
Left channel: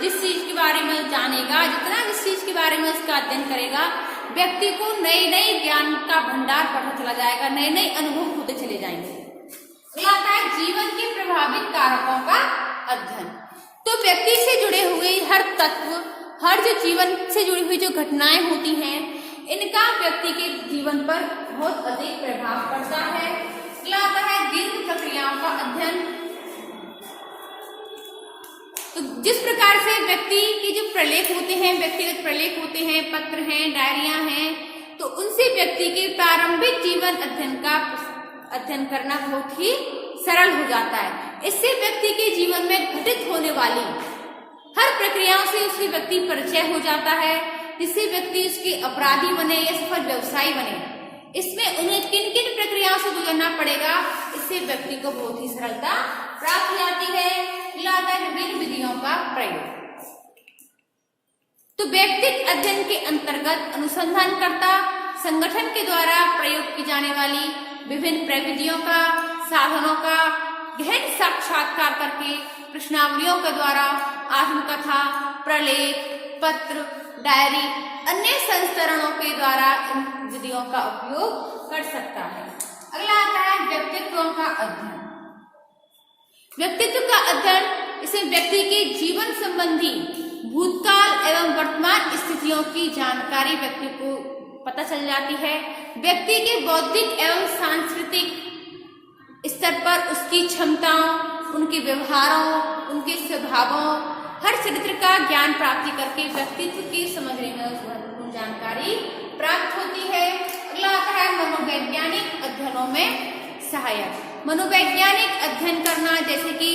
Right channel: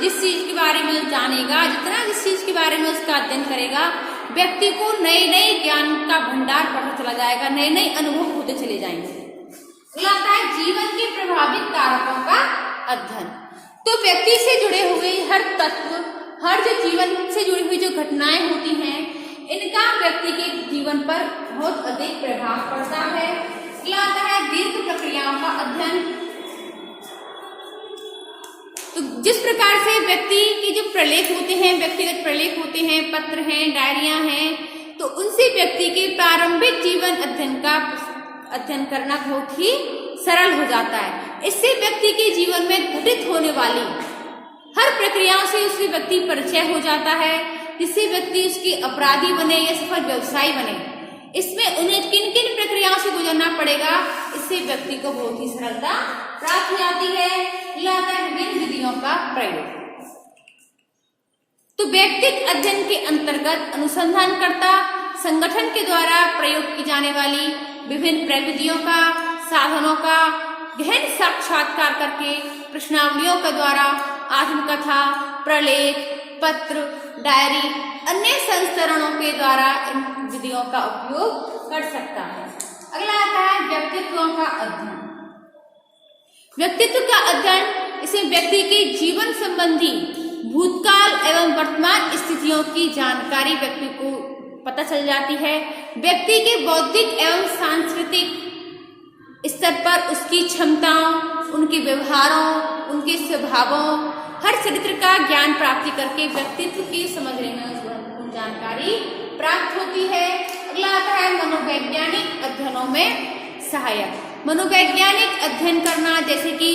जिस चीज के बारे में जानेगा, जिस चीज के बारे में उसका अध्ययन करेगा, व्यक्ति को नए नए ज्ञान का भंडार बढ़ता चला जाएगा, नए नए अनुभव होते चले जाएंगे। अगला आता है जीवन के प्रभावित कारकों का अध्ययन। तो व्यक्ति से जुड़े हुए हर तत्व, हर जो जीवन से जुड़ी हुई जो घटनाएं होती हैं, इनका व्यक्ति के जीवन पर बहुत अधिक प्रभाव पड़ता है। अगला आता है दीर्घ प्रक्रियाओं का अध्ययन। तो जिस प्रकार से व्यक्ति के जो प्रलेख होते हैं, व्यक्तिगत प्रलेख होते हैं, पत्र हैं, डायरियां हैं, तो उनसे व्यक्ति के प्रारंभिक जीवन अध्ययन करना बहुत ही सरल हो जाता है। इससे व्यक्ति के जीवन में घटित होने वाली हर प्रक्रियाओं से उसके व्यक्ति परिचय हो जाता है, जिससे व्यक्ति उसके अपराधी बने या सफल व्यवसायी बने। इसमें उन्हें किन किन प्रक्रियाओं से गुजरना पड़ेगा, इससे व्यक्ति को बहुत ही सरलता प्राप्त हो जाती है। लाता है विभिन्न विधियों का प्रयोग। तो व्यक्तिगत अध्ययन के अंतर्गत अनुसंधानकर्ता संगठन के द्वारा प्रयोग की जाने वाली विभिन्न प्रविधियों का, साधनों का गहन साक्षात्कार करके प्रश्नावलियों के द्वारा आत्मकथा, प्रलेख, पत्र, डायरी, अन्य संस्करणों के द्वारा इन विधियों का उपयोग कर सकता है। अगला आता है व्यक्तित्वों का अध्ययन। व्यक्तित्व का अध्ययन इसे व्यक्ति के जीवन संबंधी भूतकाल एवं वर्तमान स्थितियों की जानकारी व्यक्ति को पता चल जाती है। व्यक्ति के बौद्धिक एवं सांस्कृतिक स्तर पर उसकी क्षमताओं, उनके व्यवहारों, उनके स्वभावों, हर चरित्र का ज्ञान प्राप्ति करके व्यक्तित्व की समझने में महत्वपूर्ण जानकारी प्राप्त होती है। अगला आता है मनोवैज्ञानिक अध्ययनों में सहायक। मनोवैज्ञानिक अध्ययन करना, जैसे कि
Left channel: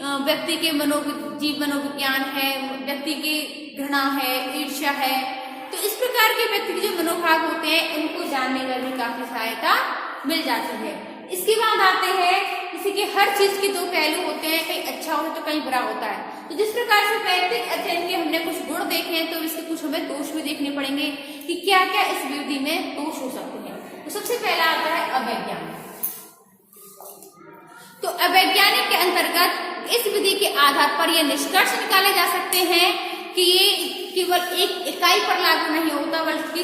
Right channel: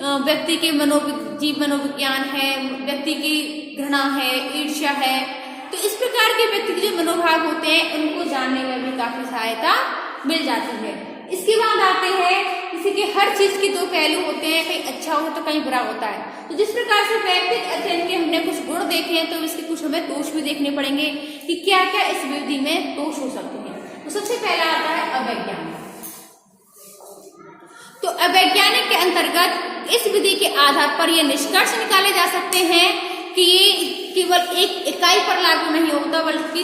व्यक्ति के मनोविज्ञान है, व्यक्ति की घृणा है, ईर्ष्या है, तो इस प्रकार के व्यक्ति के जो मनोभाव होते हैं, उनको जानने में भी काफी सहायता मिल जाती है। इसके बाद आते हैं किसी के हर चीज के दो पहलू होते हैं, कहीं अच्छा होता है तो कहीं बुरा होता है। तो जिस प्रकार से व्यक्तिगत अध्ययन के हमने कुछ गुण देखे हैं, तो इसके कुछ हमें दोष भी देखने पड़ेंगे कि क्या क्या इस विधि में दोष हो सकते हैं। तो सबसे पहला आता है अवैज्ञानिक। तो अवैज्ञानिक के अंतर्गत इस विधि के आधार पर ये निष्कर्ष निकाले जा सकते हैं कि ये केवल एक इकाई पर लागू नहीं होता, बल्कि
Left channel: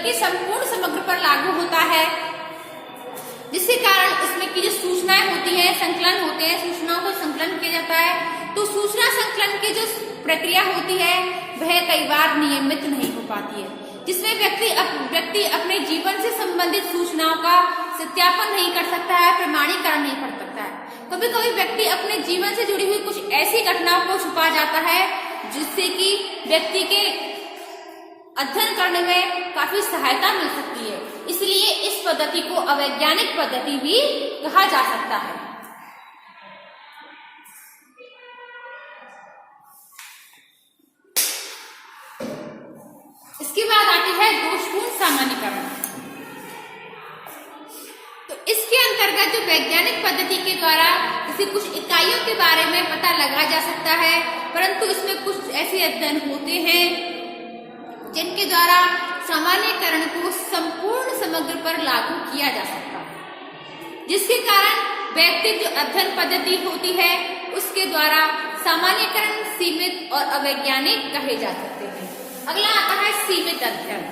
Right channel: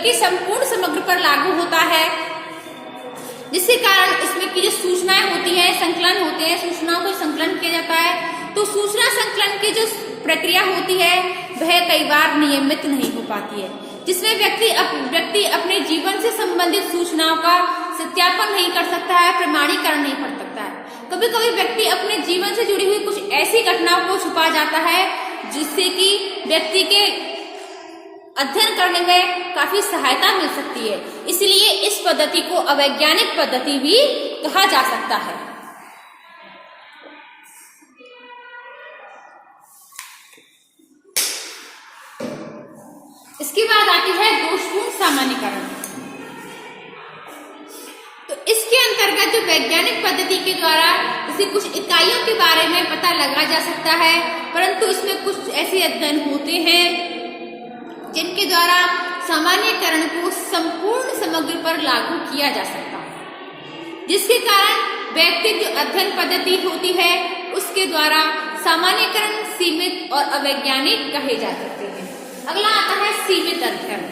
बल्कि संपूर्ण समग्र पर लागू होता है, जिसके कारण उसमें की जो सूचनाएं होती है, संकलन होते हैं, सूचनाओं का संकलन किया जाता है। तो सूचना संकलन की जो प्रक्रिया होती है वह कई बार नियमित नहीं हो पाती है, जिसमें व्यक्ति अपने जीवन से संबंधित सूचनाओं का सत्यापन नहीं कर सकता है, प्रमाणीकरण नहीं कर सकता है। कभी कभी व्यक्ति अपने जीवन से जुड़ी हुई कुछ ऐसी घटनाओं को छुपा जाता है जिससे कि व्यक्ति के अध्ययन करने में काफी सहायता मिल सकती है। इसलिए इस पद्धति को अवैज्ञानिक पद्धति भी कहा जा सकता है। इसके बाद आती है दोषपूर्ण सामान्यीकरण। तो इसके अंतर्गत जो वैज्ञानिक पद्धति के द्वारा इसे कुछ इकाइयों के बारे में पता लगा जा सकता है, परंतु इसमें कुछ ऐसे अध्ययन होते हैं जिनके द्वारा सामान्यीकरण को संपूर्ण समग्र पर लागू किया जा सकता है, जिसके कारण वैयक्तिक जो अध्ययन पद्धति होती है उसके द्वारा सामान्यीकरण सीमित और अवैज्ञानिक कहे जा सकते हैं। अगला आता है सीमित अध्ययन।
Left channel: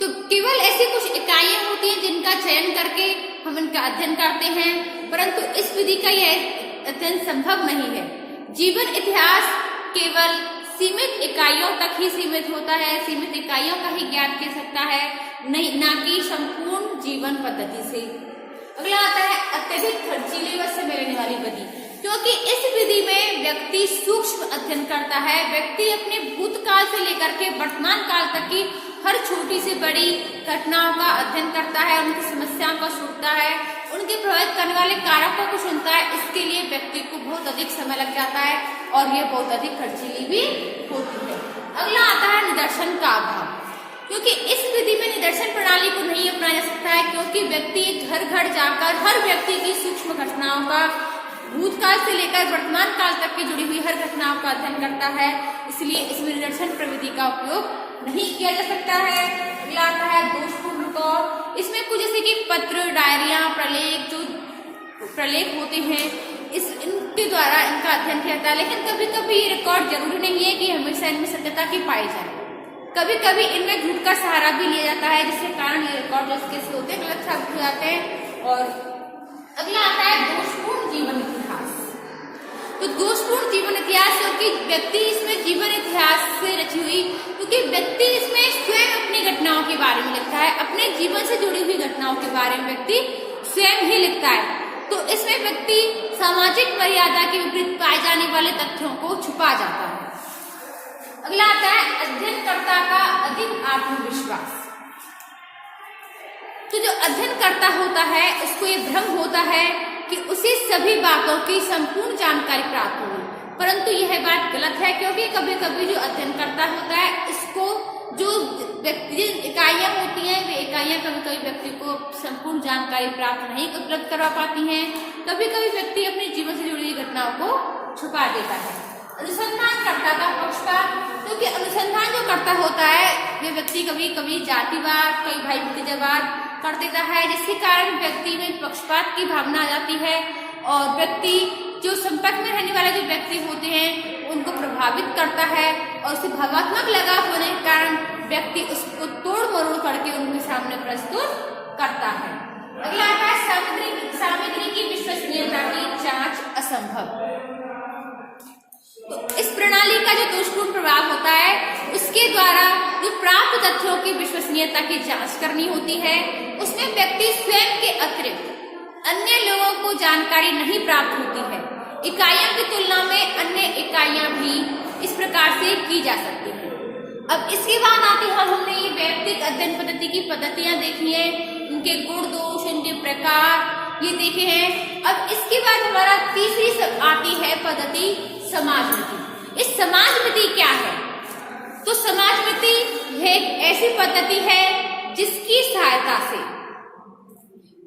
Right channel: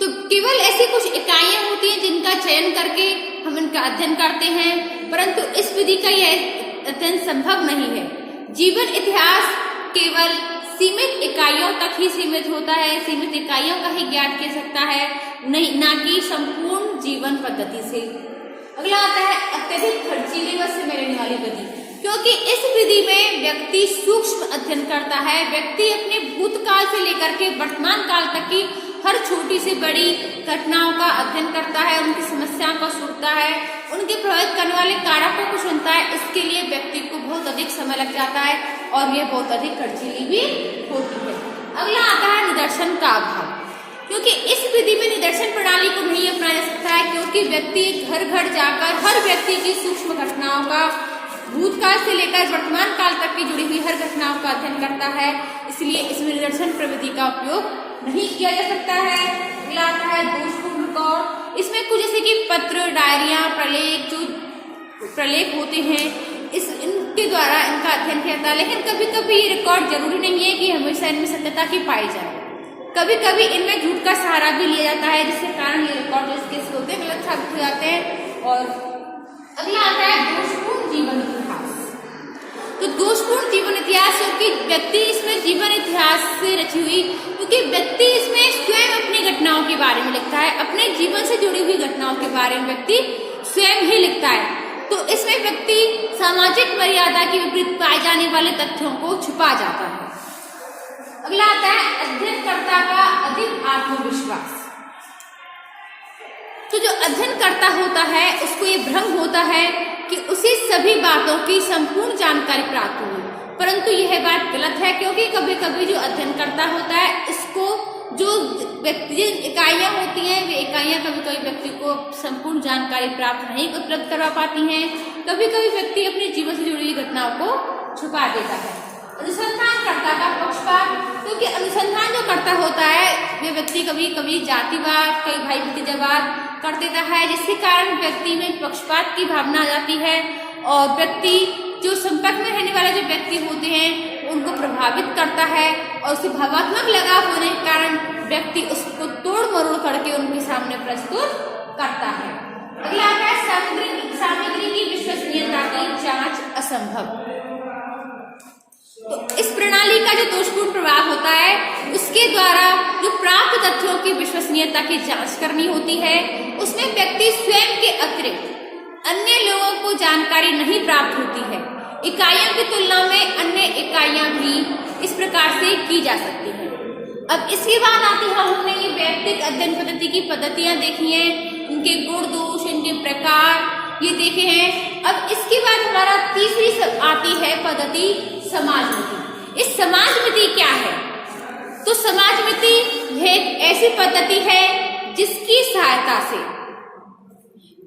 तो केवल ऐसी कुछ इकाइयां होती हैं जिनका चयन करके हम इनका अध्ययन करते हैं, परंतु इस विधि का यह अध्ययन संभव नहीं है। जीवन इतिहास केवल सीमित इकाइयों तक ही सीमित होता है, सीमित इकाइयों का ही ज्ञान किया सकता है, नहीं ना कि संपूर्ण जीवन पद्धति से। अगला आता है अत्यधिक खर्चीली व समय लेने वाली विधि, क्योंकि इस विधि में व्यक्ति सूक्ष्म अध्ययन करता है। व्यक्ति अपने भूतकाल से लेकर के वर्तमान काल तक की हर छोटी से बड़ी घटनाओं का अध्ययन करता है, उनकी समस्याओं को सुनता है, उनके प्रभावित करने वाले कारकों को सुनता है। इसके लिए व्यक्ति को बहुत अधिक समय लग जाता है और यह बहुत अधिक खर्चीली भी होती है। अगला आता है निदर्शन का अभाव, क्योंकि इस विधि में निदर्शन प्रणाली को नहीं अपनाया जा सकता है, क्योंकि व्यक्ति घर घर जाकर हर व्यक्ति की सूक्ष्म घटनाओं का भूतकाल से लेकर वर्तमान काल तक की जुड़ी हुई हर घटनाओं का अध्ययन करता है। इसलिए इसमें निदर्शन प्रविधि का उपयोग नहीं किया जा सकता है। अगला आता है दोषपूर्ण रिकॉर्ड। इसमें कुछ जैसे कि पत्र, डायरिया, प्रलेख, जो प्रलेख होते हैं, इनके द्वारा इनका अध्ययन किया जाता है। लेकिन कभी कभी ये रिकॉर्ड जरूरी नहीं है कि हमेशा इनमें सत्यता की पाई जाए। कभी कभी इनमें झूठ का सहारा भी लिया जाता है, जिसके कारण ये रिकॉर्ड जो इसके होते हैं गलत साबित हो जाते हैं। और अगला आता है दोषपूर्ण जीवन इतिहास। तो दोषपूर्ण जीवन इतिहास, क्योंकि व्यक्ति इसमें जीवन इतिहास से रची हुई, क्योंकि व्यक्ति इसमें स्वयं अपनी घटनाओं के बारे में लिखता है, अपने जीवन से जुड़ी हुई घटनाओं के बारे में व्यक्ति स्वयं ही लिखता है। तो इसमें व्यक्ति सामाजिक मर्यादा के विपरीत पाए जाने वाले तथ्यों को छुपा जाता है। अगला आता है अध्ययनकर्ता का अधिक आत्मविश्वास। तो जो अध्ययनकर्ता होता है उसको ये भ्रम होता है कि उसे सभी बातों की संपूर्ण जानकारी प्राप्त होगी, परंतु यह बात गलत है, क्योंकि कभी कभी जो अध्ययनकर्ता होता है इसको जो व्यक्ति इकाइयां होती हैं वे इकाइयां कभी कभी व्यक्ति को संपूर्ण जानकारी प्राप्त नहीं उपलब्ध करवा पाती हैं। कभी कभी व्यक्ति अपने जीवन से जुड़ी हुई घटनाओं को छुपा देता है। अनुसंधानकर्ता का पक्षपात, क्योंकि अनुसंधान जो करता होता है वे व्यक्ति कभी कभी जातिवाद, कई भाई भतीजावाद कर देता है, जिसके कारण व्यक्ति में पक्षपात की भावना आ जाती है और व्यक्ति जो संपर्क में रहने वाले जो व्यक्ति होते हैं उनको प्रभावित करता है और उसे भावात्मक लगाव होने के कारण व्यक्ति उसको तोड़ मरोड़ करके उनके सामने प्रस्तुत करता है। अगला आता है सामग्री की विश्वसनीयता की जांच असंभव। तो इस प्रणाली का जो दोषपूर्ण प्रभाव होता है उसके द्वारा जो प्राप्त तथ्यों की विश्वसनीयता की जांच करनी होती है, उसमें व्यक्ति स्वयं के अतिरिक्त अन्य लोगों को जानकारी नहीं प्राप्त होती है। इकाइयों की तुलना में अन्य इकाइयां भी इस प्रकार से की जा सकती हैं। अब इसके बाद आते हैं, हमने ये वैयक्तिक अध्ययन पद्धति की पद्धतियां देखी हैं, इनके गुण दोष, इनके प्रकार ये देखे हैं। अब इसके बाद हमारा तीसरी आती है पद्धति समाजमिति। इस समाजमिति क्या है? तो समाजमिति एक ऐसी पद्धति है जिसकी सहायता से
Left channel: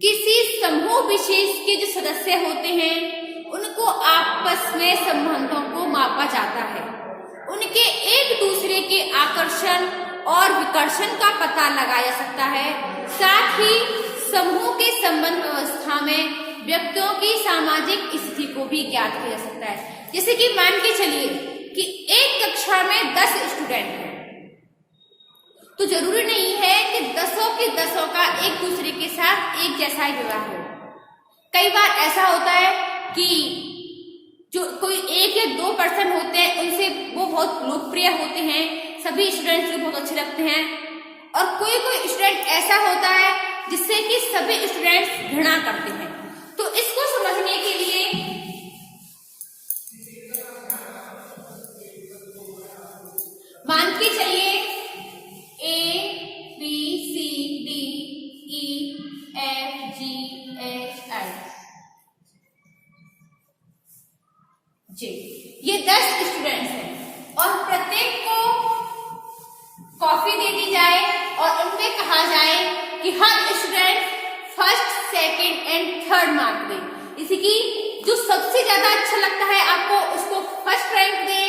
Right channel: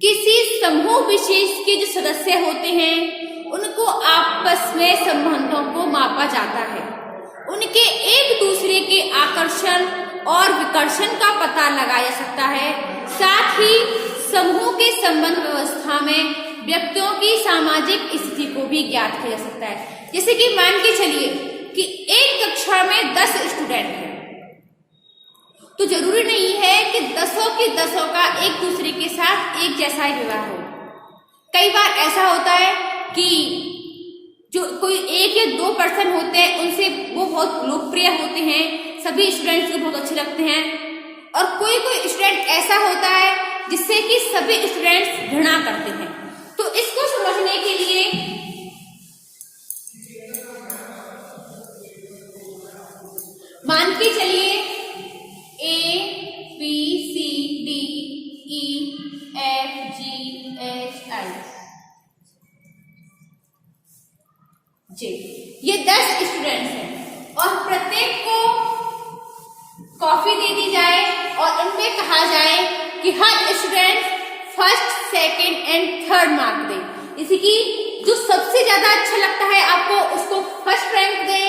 किसी समूह विशेष के जो सदस्य होते हैं उनको आपस में संबंधों को मापा जाता है, उनके एक दूसरे के आकर्षण और विकर्षण का पता लगाया जा सकता है, साथ ही समूह के संबंध व्यवस्था में व्यक्तियों की सामाजिक स्थिति को भी ज्ञात किया जा सकता है। जैसे कि मान के चलिए कि एक कक्षा में 10 स्टूडेंट हैं तो जरूरी नहीं है कि दसों के दसों का एक दूसरे के साथ एक जैसा ही व्यवहार हो। कई बार ऐसा होता है कि जो कोई 1 या 2 पर्सन होते हैं उनसे वो बहुत लोकप्रिय होते हैं, सभी स्टूडेंट्स को बहुत अच्छे लगते हैं, और कोई कोई स्टूडेंट ऐसा होता है जिससे कि सभी स्टूडेंट्स घृणा करते हैं। तो इसको समझने के लिए मान के चलिए ABCDEFGHIJ ये 10 स्टूडेंट्स हैं और प्रत्येक को कॉपी दे दी जाए और उनमें कहा जाए कि हर student first, second and third mark दे। जैसे कि जो सबसे ज्यादा अच्छा लगता है आपको उसको फर्स्ट रैंक दें,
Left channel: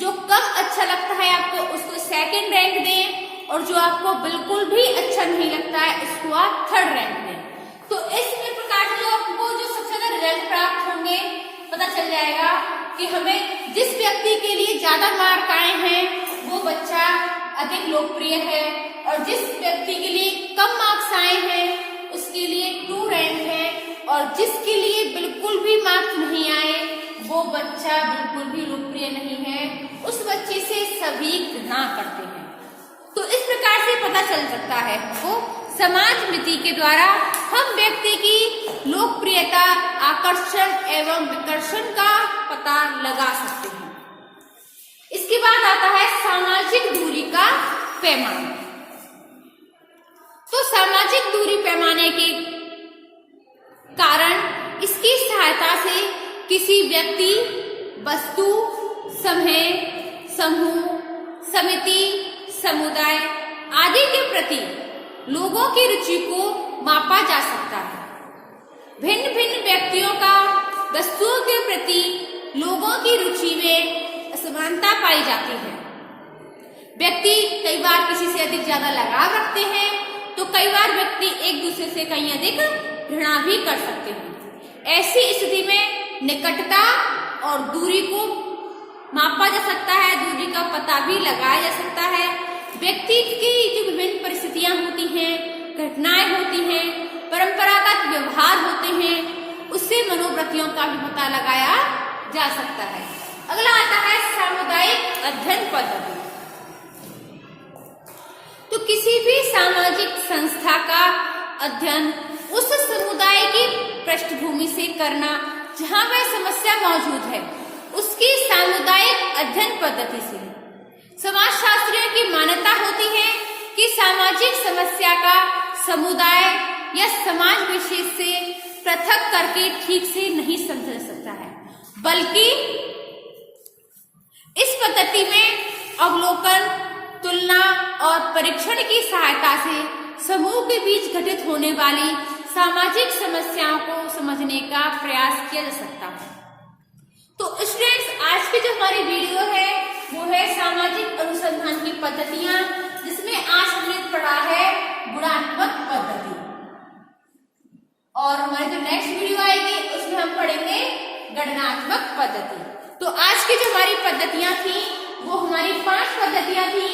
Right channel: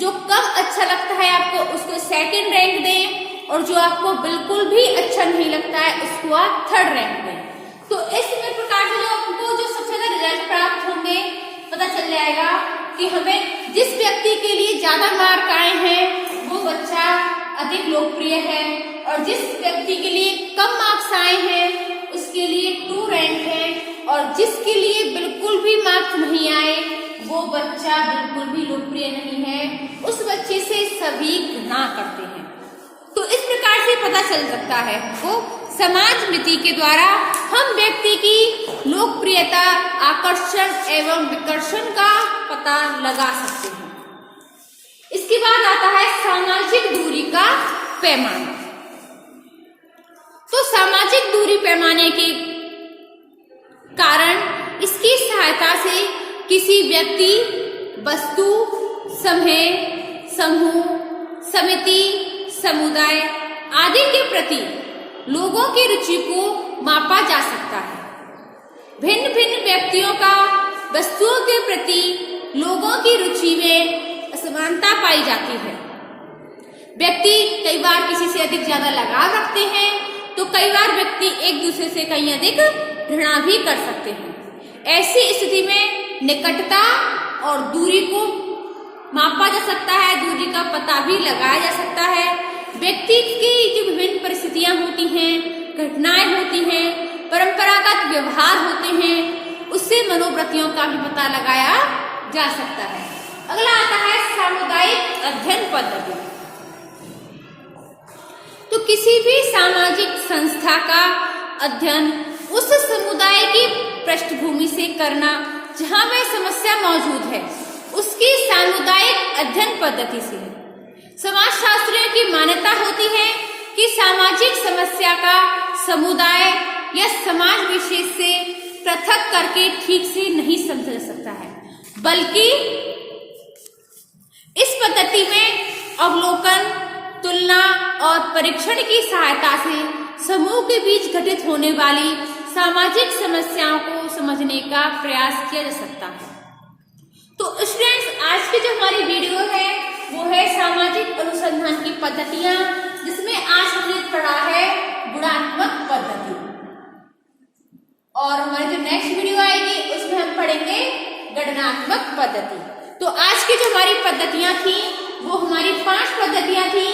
जो कम अच्छा लगता है आपको उसको सेकंड रैंक दें, और जो आपको बिल्कुल भी अच्छा नहीं लगता है उसको आप थर्ड रैंक दें। तो इस प्रकार से जो आपको जो सबसे ज्यादा रिजल्ट प्राप्त होंगे पता चल जाएगा कि हमें जिस व्यक्ति के लिए ज्यादा मार्क आए हैं वो बच्चा अधिक लोकप्रिय है, और जिस व्यक्ति के लिए कम मार्क्स आए हैं उसके लिए 2 रैंक है, और जिसके लिए बिल्कुल भी मार्क्स नहीं आए वो बच्चा बिल्कुल भी लोकप्रिय नहीं है, उस बच्चे से सभी घृणा करते हैं। तो इस प्रकार से पता चल सकता है वो समाज नीति के द्वारा हम व्यक्ति की लोकप्रियता, आकर्षण एवं विकर्षण का पता लगा सकते हैं। इसके बाद आता है सामाजिक दूरी का पैमाना। तो सामाजिक दूरी पैमाने के कारण इसकी सहायता से किसी व्यक्ति, वस्तु, समूह, समिति, समुदाय आदि के प्रति लोगों की रुचि को मापा जा सकता है। भिन्न भिन्न व्यक्तियों का वस्तुओं के प्रति लोगों की रुचि में असमानता पाई जाती है। व्यक्ति कई बार किसी से अधिक ज्यादा लगाव रखते हैं, तो कई बार व्यक्ति एक दूसरे से कहीं अधिक घृणा भी कर सकते हैं। ऐसी स्थिति में निकटता और दूरी को मापा जा सकता है, दूरी का पता भी लगाया जा सकता है। व्यक्ति की जो विभिन्न परिस्थितियां होती हैं, घटनाएं होती हैं, परंपरागत व्यवहार होते हैं, उससे मनोवृत्तियों का भी पता लगाया जा सकता है। अगला आता है सामुदायिक अध्ययन पद्धति। तो किसी भी सामाजिक संस्था का अध्ययन उस समुदाय की पृष्ठभूमि से करना जहां वह समस्या मौजूद है, उसकी सामुदायिक अध्ययन पद्धति से। समाजशास्त्रियों की मान्यता होती है कि सामाजिक समस्या का समुदाय या समाज विशेष से पृथक करके ठीक से नहीं समझा जा सकता है, बल्कि इस पद्धति में अवलोकन, तुलना और परीक्षण की सहायता से समूह के बीच घटित होने वाली सामाजिक समस्याओं को समझने का प्रयास किया जा सकता है। तो स्टूडेंट्स, आज की जो हमारी वीडियो है वो है सामाजिक अनुसंधान की पद्धतियां, जिसमें आज हमने पढ़ा है गुणात्मक पद्धति, और हमारी जो नेक्स्ट वीडियो आएगी उसमें हम पढ़ेंगे गणनात्मक पद्धति। तो आज की जो हमारी पद्धतियां थी वो हमारी 5 पद्धतियां थी:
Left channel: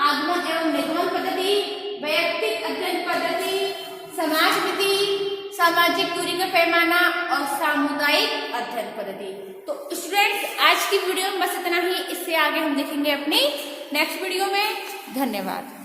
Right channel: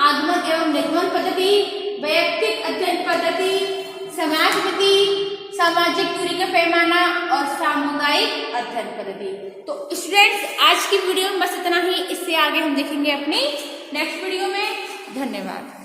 आगमन एवं निर्गमन पद्धति, वैयक्तिक अध्ययन पद्धति, समाज नीति, सामाजिक दूरी का पैमाना और सामुदायिक अध्ययन पद्धति। तो स्टूडेंट्स, आज की वीडियो में बस इतना ही। इससे आगे हम देखेंगे अपनी नेक्स्ट वीडियो में। धन्यवाद।